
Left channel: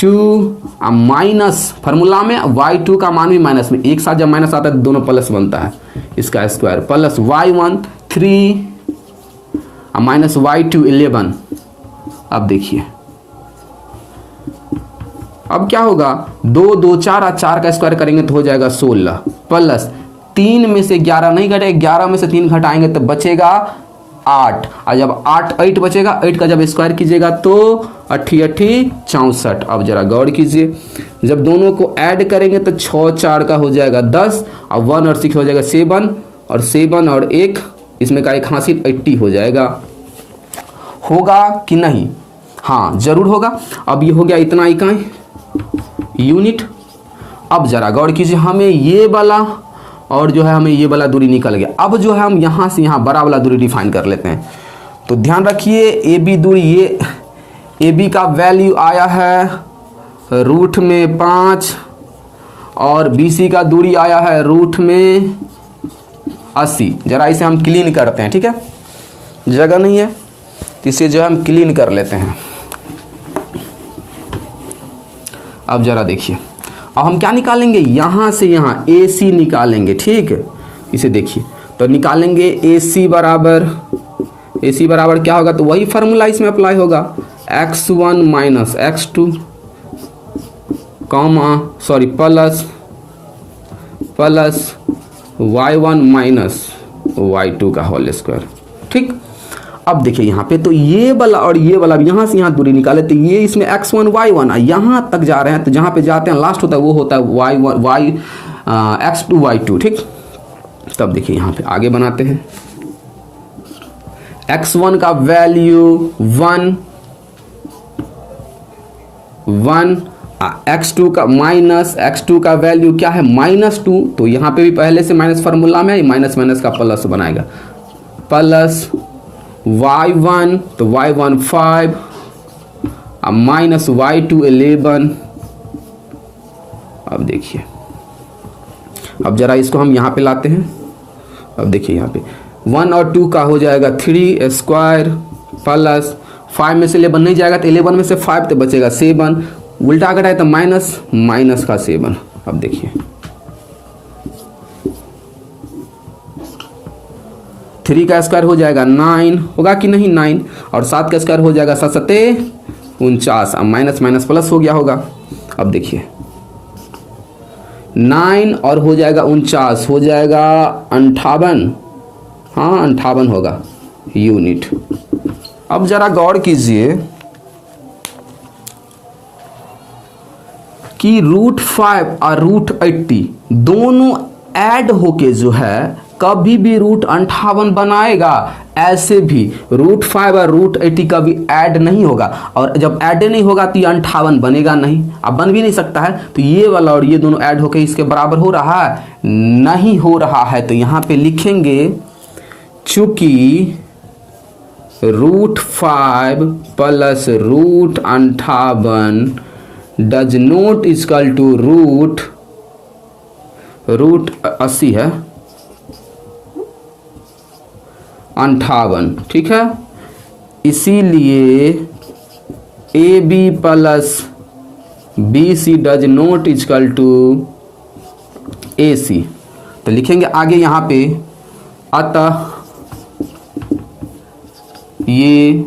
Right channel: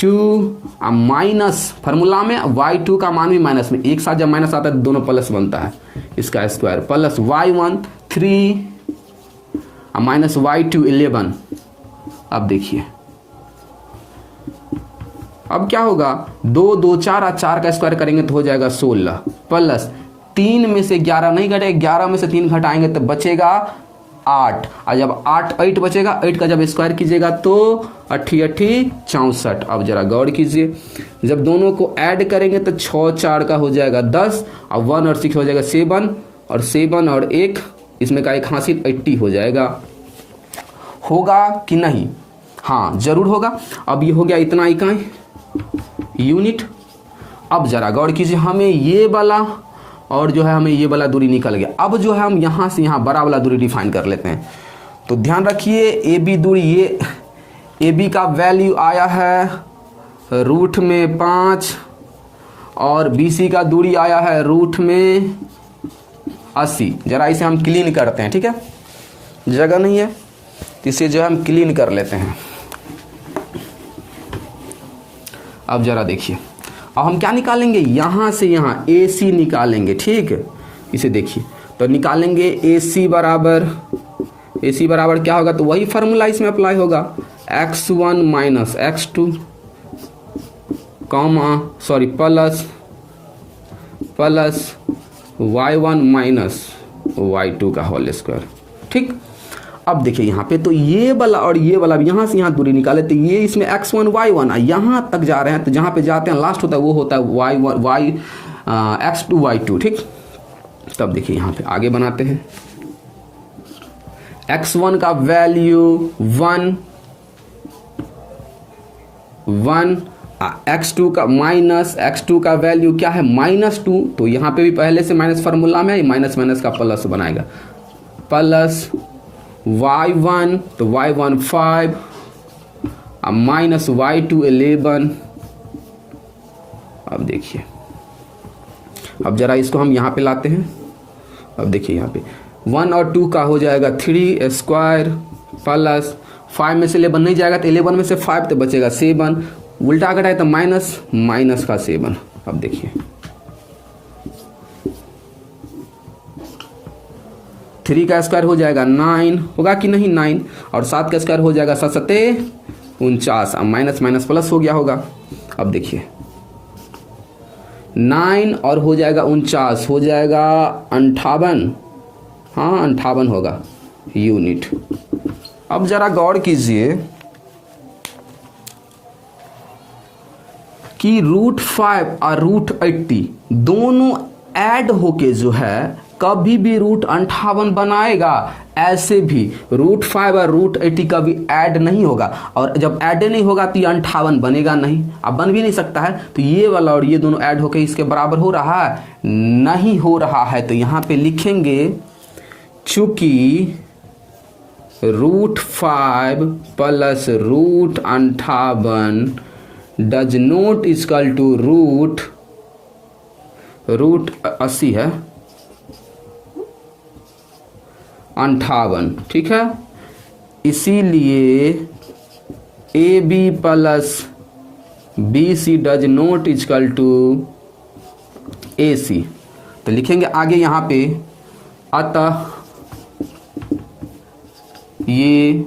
2 माइनस फार्मूला में y2 का मान भी माइनस में, एक साथ जब माइनस आता है तो दोनों प्लस बनता है, इसका square plus y1 3 minus y2 11। अब देखिए अब क्या होगा, 2 2 4 और 4 का स्क्वायर करेंगे तो हो जाएगा 16 प्लस 3 में से 11 नहीं घटे, 11 में से 3 घटाएंगे तो बचेगा 8, और जब 8 बचेगा, 8 का जब स्क्वायर कीजिएगा तो 8 64। अब जरा गौर कीजिए, जब दोनों को ऐड करेंगे तो 6 4 का हो जाएगा 10, और 1 और 6 हो जाएगा 7, और 7 और 1 इसमें का एक हासिल 80 हो जाएगा। होगा कि नहीं? हाँ जरूर होगा। अब ये हो गया इतना इकाई यूनिट। अब जरा गौर कीजिए, हमें ये वाला और जो है हमें ये वाला दूरी निकल गया। अब जो है हम यहाँ से यहाँ बड़ा वाला दूरी डिफाइन कर लेते हैं। तो ध्यान रखिए, ए बी दूरी, ये ए बी का वैल्यू आया है रूट में 5 और बी सी का दूरी आया है रूट में 80। जरा इसे हम क्लीन करते हैं, ठीक है, जगह नहीं है तो इसे जो है हम क्लीन कर लेते हैं। अब जरा देखिए, अब हम क्या निकालेंगे, यहां से यहां ए सी निकालेंगे, ठीक है। इसे देखिए तो निकालेंगे ए सी बराबर क्या होगा, तो वही फार्मूला इसमें अप्लाई होगा, x1 minus x2 plus y1 minus y2 का होल स्क्वायर, ठीक। अब देखिए यहाँ पे तो ये वाला और ये वाला यहाँ से यहाँ दूरी निकाले तो ये इसमें x1 y1 यहाँ तक जा रहे हैं, तो जहाँ पे जाते हैं लास्ट होता है वो होता है x2 y2, ठीक। तब देखिए यहाँ पे आगे बनाते हैं, x1 का वैल्यू 1 x2 का वैल्यू क्या है -2, तो यहाँ पे भी पहले से माइनस फार्मूला में माइनस का प्लस बनाएगा, प्लस y1 तो y1 5 माइनस y2 11। अब देखिए, अब जरा इसको हम यहाँ पे लाते हैं। अब देखिए यहाँ पे 1 और 2 का हो जाएगा 3 स्क्वायर प्लस 5 में से 11 नहीं जाएगा तो 11 में से 5 तो बचेगा 7, उल्टा घटाए तो माइनस का 7। अब देखिए 3 का स्क्वायर हो जाएगा 9, होगा कि नहीं 9, और 7 का स्क्वायर हो जाएगा 7 7 49। अब माइनस प्लस हो गया होगा। अब देखिए 9 और हो जाएगा 49, हो जाएगा 58, हाँ 58 होगा यूनिट। अब जरा गौर कीजिए कि √5 और √80 दोनों ऐड होके जो है कभी भी √58 बनाएगा, ऐसे भी √5 और √80 कभी ऐड नहीं होगा, और जब ऐड नहीं होगा तो ये 58 बनेगा नहीं, अब बन भी नहीं सकता है। तो ये वाला और ये दोनों ऐड होके इसके बराबर हो रहा है, नहीं हो रहा है, तो यहाँ पे लिखेंगे चूंकि √5 plus √58 does not equal to √80 है 58, ठीक है। इसीलिए A B plus B C does not equal to A C. तो लिखेंगे आगे यहाँ पे, अतः ये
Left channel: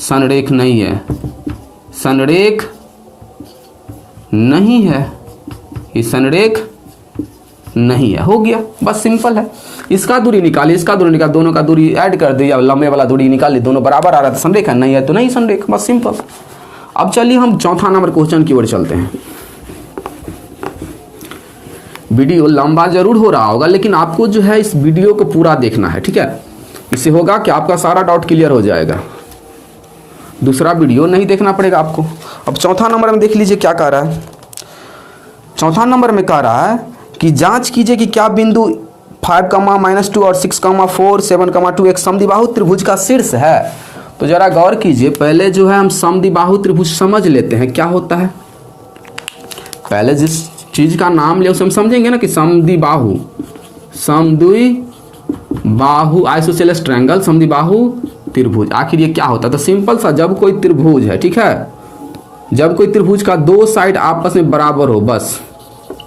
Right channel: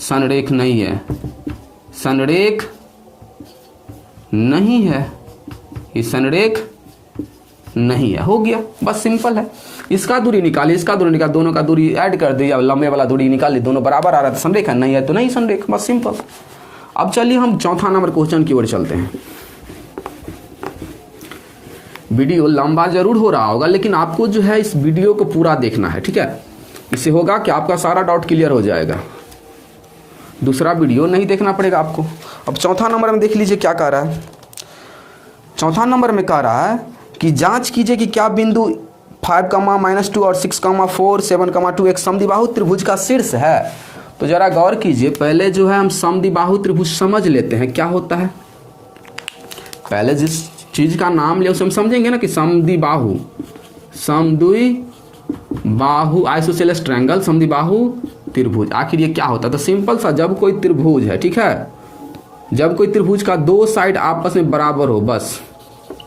संरेख नहीं है, संरेख नहीं है, ये संरेख नहीं है। हो गया, बस सिंपल है। इसका दूरी निकालिए, इसका दूरी निकाल, दोनों का दूरी ऐड कर दिया, लंबे वाला दूरी निकालिए, दोनों बराबर आ रहा था, संरेख है, नहीं है तो नहीं संरेख, बस सिंपल। अब चलिए हम चौथा नंबर क्वेश्चन की ओर चलते हैं। वीडियो लंबा जरूर हो रहा होगा, लेकिन आपको जो है इस वीडियो को पूरा देखना है, ठीक है। इससे होगा कि आपका सारा डाउट क्लियर हो जाएगा, दूसरा वीडियो नहीं देखना पड़ेगा आपको। अब चौथा नंबर में देख लीजिए क्या कह रहा है। चौथा नंबर में कह रहा है कि जांच कीजिए कि क्या बिंदु 5, -2 और 6, 4, 7, 2 एक समद्विबाहु त्रिभुज का शीर्ष है। तो जरा गौर कीजिए, पहले जो है हम समद्विबाहु त्रिभुज समझ लेते हैं क्या होता है। पहले जिस चीज का नाम ले उसे हम समझेंगे ना कि समद्विबाहु, आइसोसेलेस ट्रायंगल, समद्विबाहु त्रिभुज, आखिर ये क्या होता है। तो सिंपल सा, जब कोई त्रिभुज है, ठीक है, जब कोई त्रिभुज का दो साइड आपस में बराबर हो, बस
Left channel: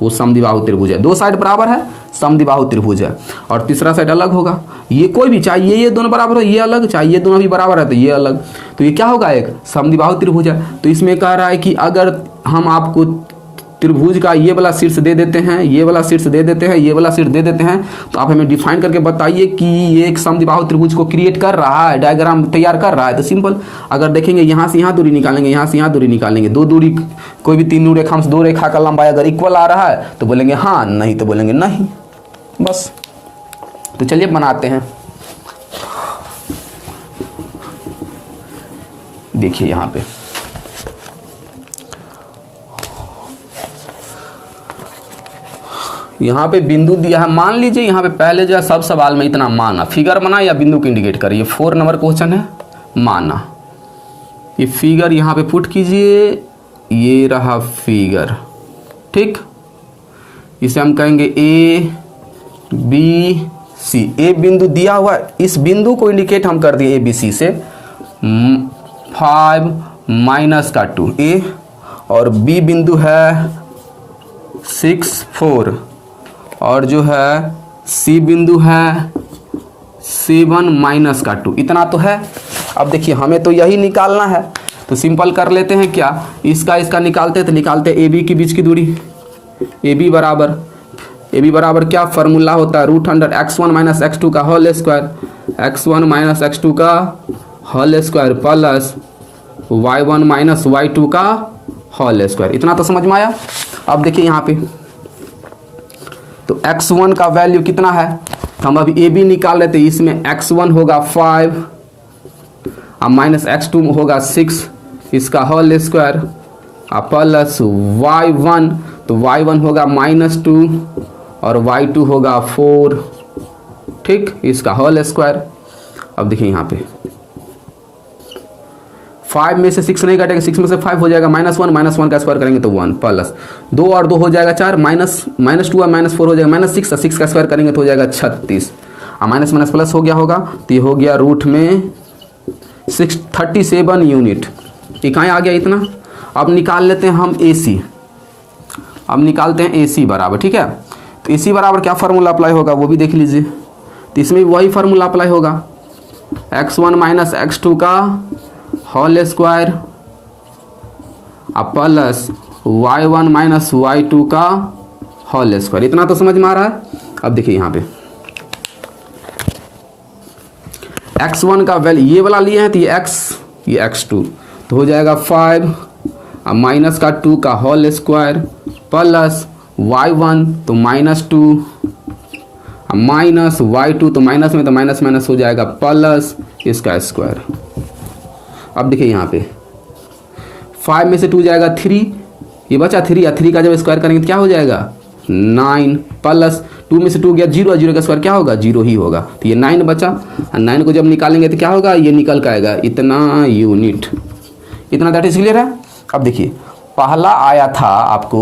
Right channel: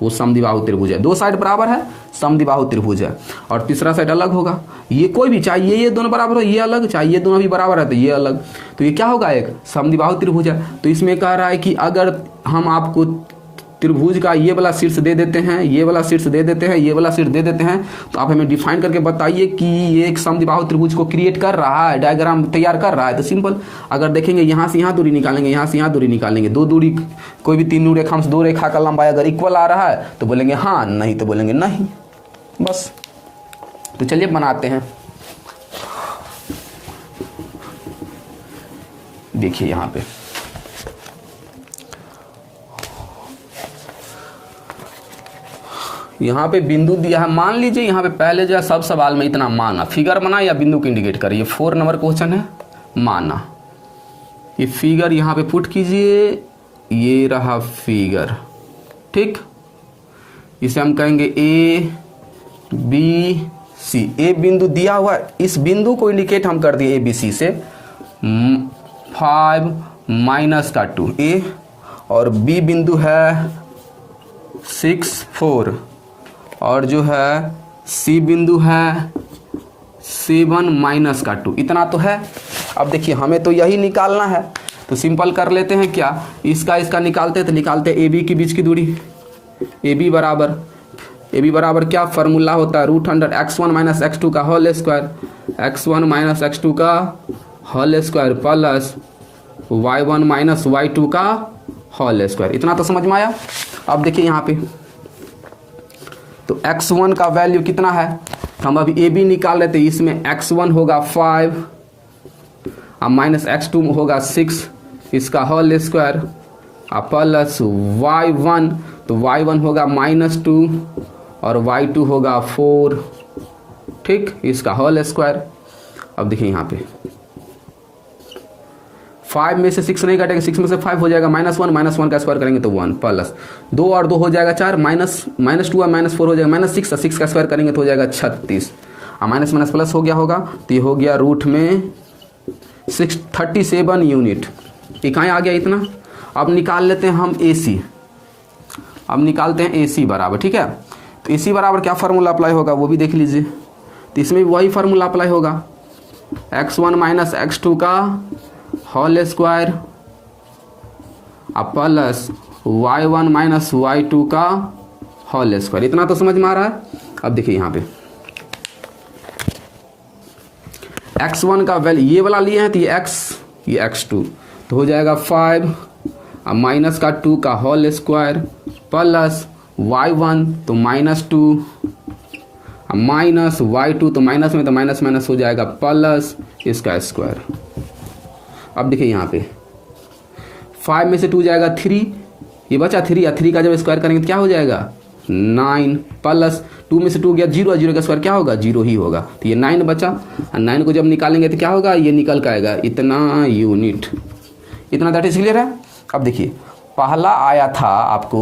वो समद्विबाहु त्रिभुज है। दो साइड बराबर है, समद्विबाहु त्रिभुज है। और तीसरा साइड अलग होगा, ये कोई भी, चाहे ये दोनों बराबर हो, ये अलग, चाहे ये दोनों भी बराबर है तो ये अलग, तो ये क्या होगा, एक समद्विबाहु त्रिभुज है। तो इसमें कह रहा है कि अगर हम आपको त्रिभुज का ये वाला शीर्ष दे देते हैं, ये वाला शीर्ष दे देते हैं, ये वाला शीर्ष दे देते हैं, तो आप हमें डिफाइन करके बताइए कि ये एक समद्विबाहु त्रिभुज को क्रिएट कर रहा है, डायग्राम तैयार कर रहा है। तो सिंपल, अगर देखेंगे यहाँ से यहाँ दूरी निकालेंगे, यहाँ से यहाँ दूरी निकालेंगे, दो दूरी, कोई भी तीन रेखा से दो रेखा का लंबाई अगर इक्वल आ रहा है तो बोलेंगे हाँ, नहीं तो बोलेंगे नहीं, बस। तो चलिए बनाते हैं। देखिए यहाँ पे बिंदु दिया है, मान लीजिए यहाँ पे पहले जो है सब सवाल में इतना माना, फिगर बना या बिंदु को इंडिकेट करिए। 4 नंबर क्वेश्चन है, माना। ये फिगर यहाँ पे पुट कीजिए, ये रहा फिगर, ठीक। इसे हम कहेंगे ए बी सी। ए बिंदु दिया हुआ है, इस बिंदु को इंडिकेट हम कर दिए ए बी सी से 5 माइनस का 2 ए, और बी बिंदु है 6 4, और जो है सी बिंदु है 7 माइनस का 2। इतना तो है। अब देखिए हमें तो यही निकालना है, तो सिंपल कर लेते हैं क्या, इसका निकालते हैं, तो निकालते हैं ए बी के बीच की दूरी। ए बी बराबर क्या फॉर्मूला होता है, √x1 माइनस x2 का whole square, x1 minus x2 का whole square plus y1 minus y2 का होल स्क्वायर। इतना तो समझ में आया। अब देखिए यहाँ पे तो x1 का वैल्यू कितना है, हम अभी ए बी निकाल लेते हैं। इसमें x1 होगा 5 और माइनस x2 होगा 6, इसका होल स्क्वायर प्लस y1, तो y1 होगा -2 और y2 होगा 4, ठीक, इसका होल स्क्वायर। अब देखिए यहाँ पे 5 में से 6 नहीं कटेंगे, 6 में से 5 हो जाएगा -1 का स्क्वायर करेंगे तो 1 प्लस 2 और 2 हो जाएगा 4, -2 और -4 हो जाएगा -6, 6 का स्क्वायर करेंगे तो हो जाएगा 36, और माइनस माइनस प्लस हो गया होगा, तो ये हो गया रूट में 37 यूनिट। इकाई आ गया इतना। अब निकाल लेते हैं हम AC। अब निकालते हैं AC बराबर, ठीक है। तो AC बराबर क्या फार्मूला अप्लाई होगा वो भी देख लीजिए। तो इसमें वही फार्मूला अप्लाई होगा, x1 माइनस x2 का whole square plus y1 minus y2 का होल स्क्वायर। इतना तो समझ में आ रहा है। अब देखिए यहाँ पे x1 का वैल्यू ये वाला लिए हैं, तो ये x, ये x2, तो हो जाएगा 5 माइनस का 2 का होल स्क्वायर प्लस y1 तो -2 माइनस y2 तो माइनस में, तो माइनस माइनस हो जाएगा प्लस इसका स्क्वायर। अब देखिए यहाँ पे 5 में से 2 जाएगा 3, ये बचा 3, या 3 का जब स्क्वायर करेंगे तो क्या हो जाएगा 9 प्लस 2 में से 2 गया 0, 0 का स्क्वायर क्या होगा 0 ही होगा, तो ये 9 बचा। 9 को जब निकालेंगे तो क्या होगा, ये निकल के आएगा इतना यूनिट। इतना दैट इज क्लियर है। अब देखिए पहला आया था आपको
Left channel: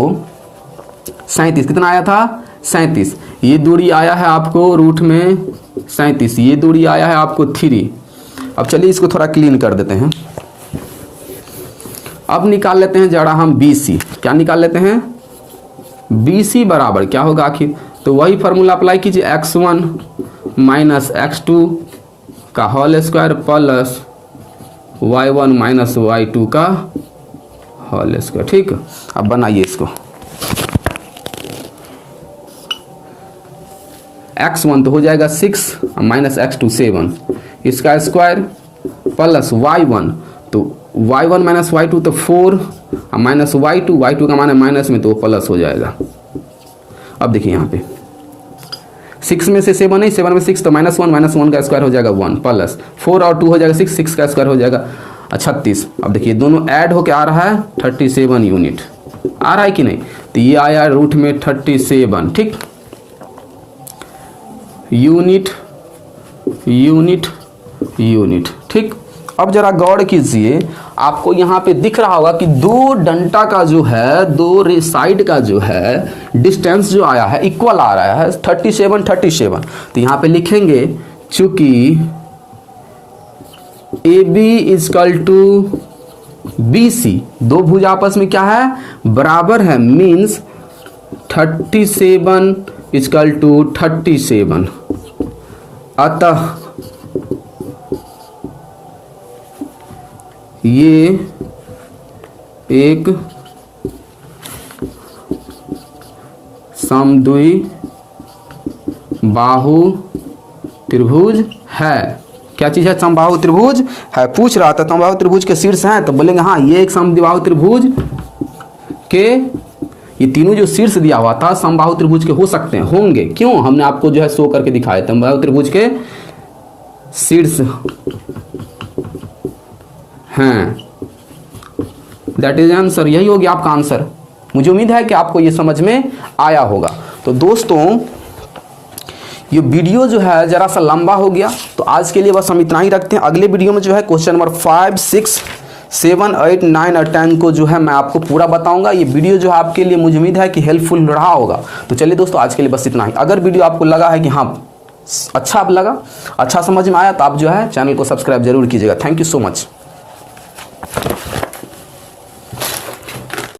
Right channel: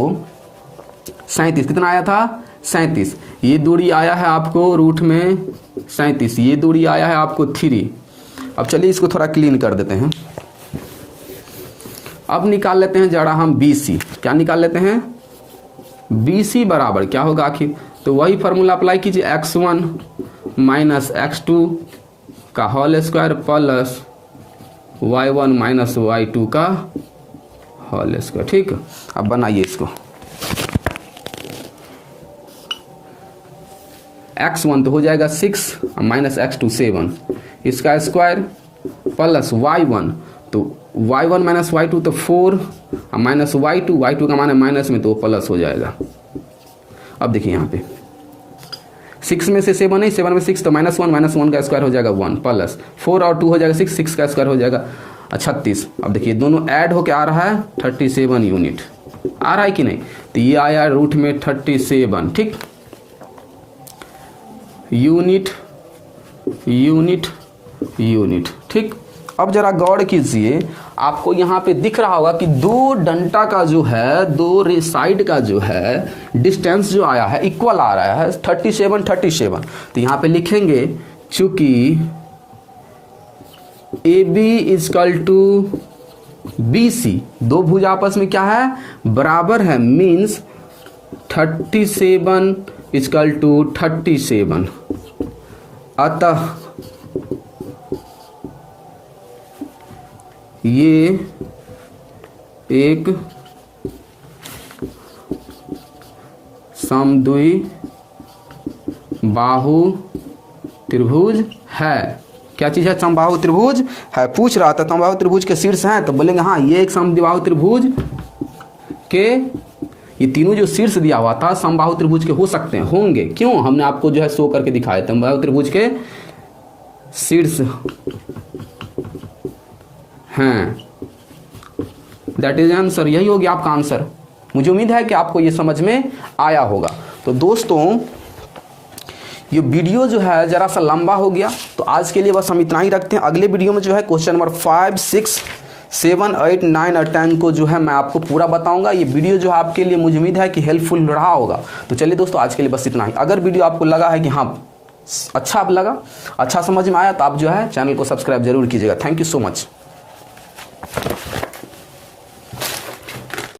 37, कितना आया था 37, ये दूरी आया है आपको रूट में 37, ये दूरी आया है आपको 3। अब चलिए इसको थोड़ा क्लीन कर देते हैं। अब निकाल लेते हैं जरा हम BC। क्या निकाल लेते हैं, BC बराबर क्या होगा आखिर, तो वही फार्मूला अप्लाई कीजिए, x1 माइनस x2 का whole square plus y1 minus y2 का होल स्क्वायर, ठीक। अब बनाइए इसको, x1 तो हो जाएगा 6 माइनस x2 7, इसका स्क्वायर प्लस y1 तो y1 माइनस y2 तो 4 माइनस y2 का मान है माइनस में, तो प्लस हो जाएगा। अब देखिए यहाँ पे 6 में से 7 नहीं, 7 में 6 तो -1 का स्क्वायर हो जाएगा 1 प्लस 4 और 2 हो जाएगा 6 का स्क्वायर हो जाएगा 36। अब देखिए दोनों ऐड होके आ रहा है 37 यूनिट, आ रहा है कि नहीं, तो ये आया रूट में 37, ठीक, यूनिट यूनिट यूनिट, ठीक। अब जरा गौर कीजिए, आपको यहाँ पे दिख रहा होगा कि दो डंटा का जो है, दो साइड का जो है डिस्टेंस जो आया है इक्वल आ रहा है 37। तो यहाँ पे लिखेंगे चूंकि AB इजकल टू BC, दो भुज आपस में क्या है, बराबर है, मीन्स 37 इक्वल टू 37। अतः ये एक समद्वि बाहु त्रिभुज है। क्या चीज है, समबाहु त्रिभुज है। पूछ रहा था समबाहु त्रिभुज के शीर्ष हैं, तो बोलेंगे हाँ ये एक समद्विबाहु त्रिभुज के, ये तीनों जो शीर्ष दिया हुआ था समबाहु त्रिभुज के हो सकते हैं, होंगे। क्यों, हमने आपको जो है शो करके दिखाया, समबाहु त्रिभुज के शीर्ष हैं। दैट इज आंसर, यही हो गया आपका आंसर। मुझे उम्मीद है कि आपको ये समझ में आया होगा। तो दोस्तों ये वीडियो जो है जरा सा लंबा हो गया, तो आज के लिए बस हम इतना ही रखते हैं। अगले वीडियो में जो है क्वेश्चन नंबर 5, 6, 7, 8, 9 और 10 को जो है मैं आपको पूरा बताऊंगा। ये वीडियो जो है आपके लिए मुझे उम्मीद है कि हेल्पफुल रहा होगा। तो चलिए दोस्तों आज के लिए बस इतना ही। अगर वीडियो आपको लगा है कि हाँ अच्छा आप लगा, अच्छा समझ में आया, तो आप जो है चैनल को सब्सक्राइब जरूर कीजिएगा। Thank you so much.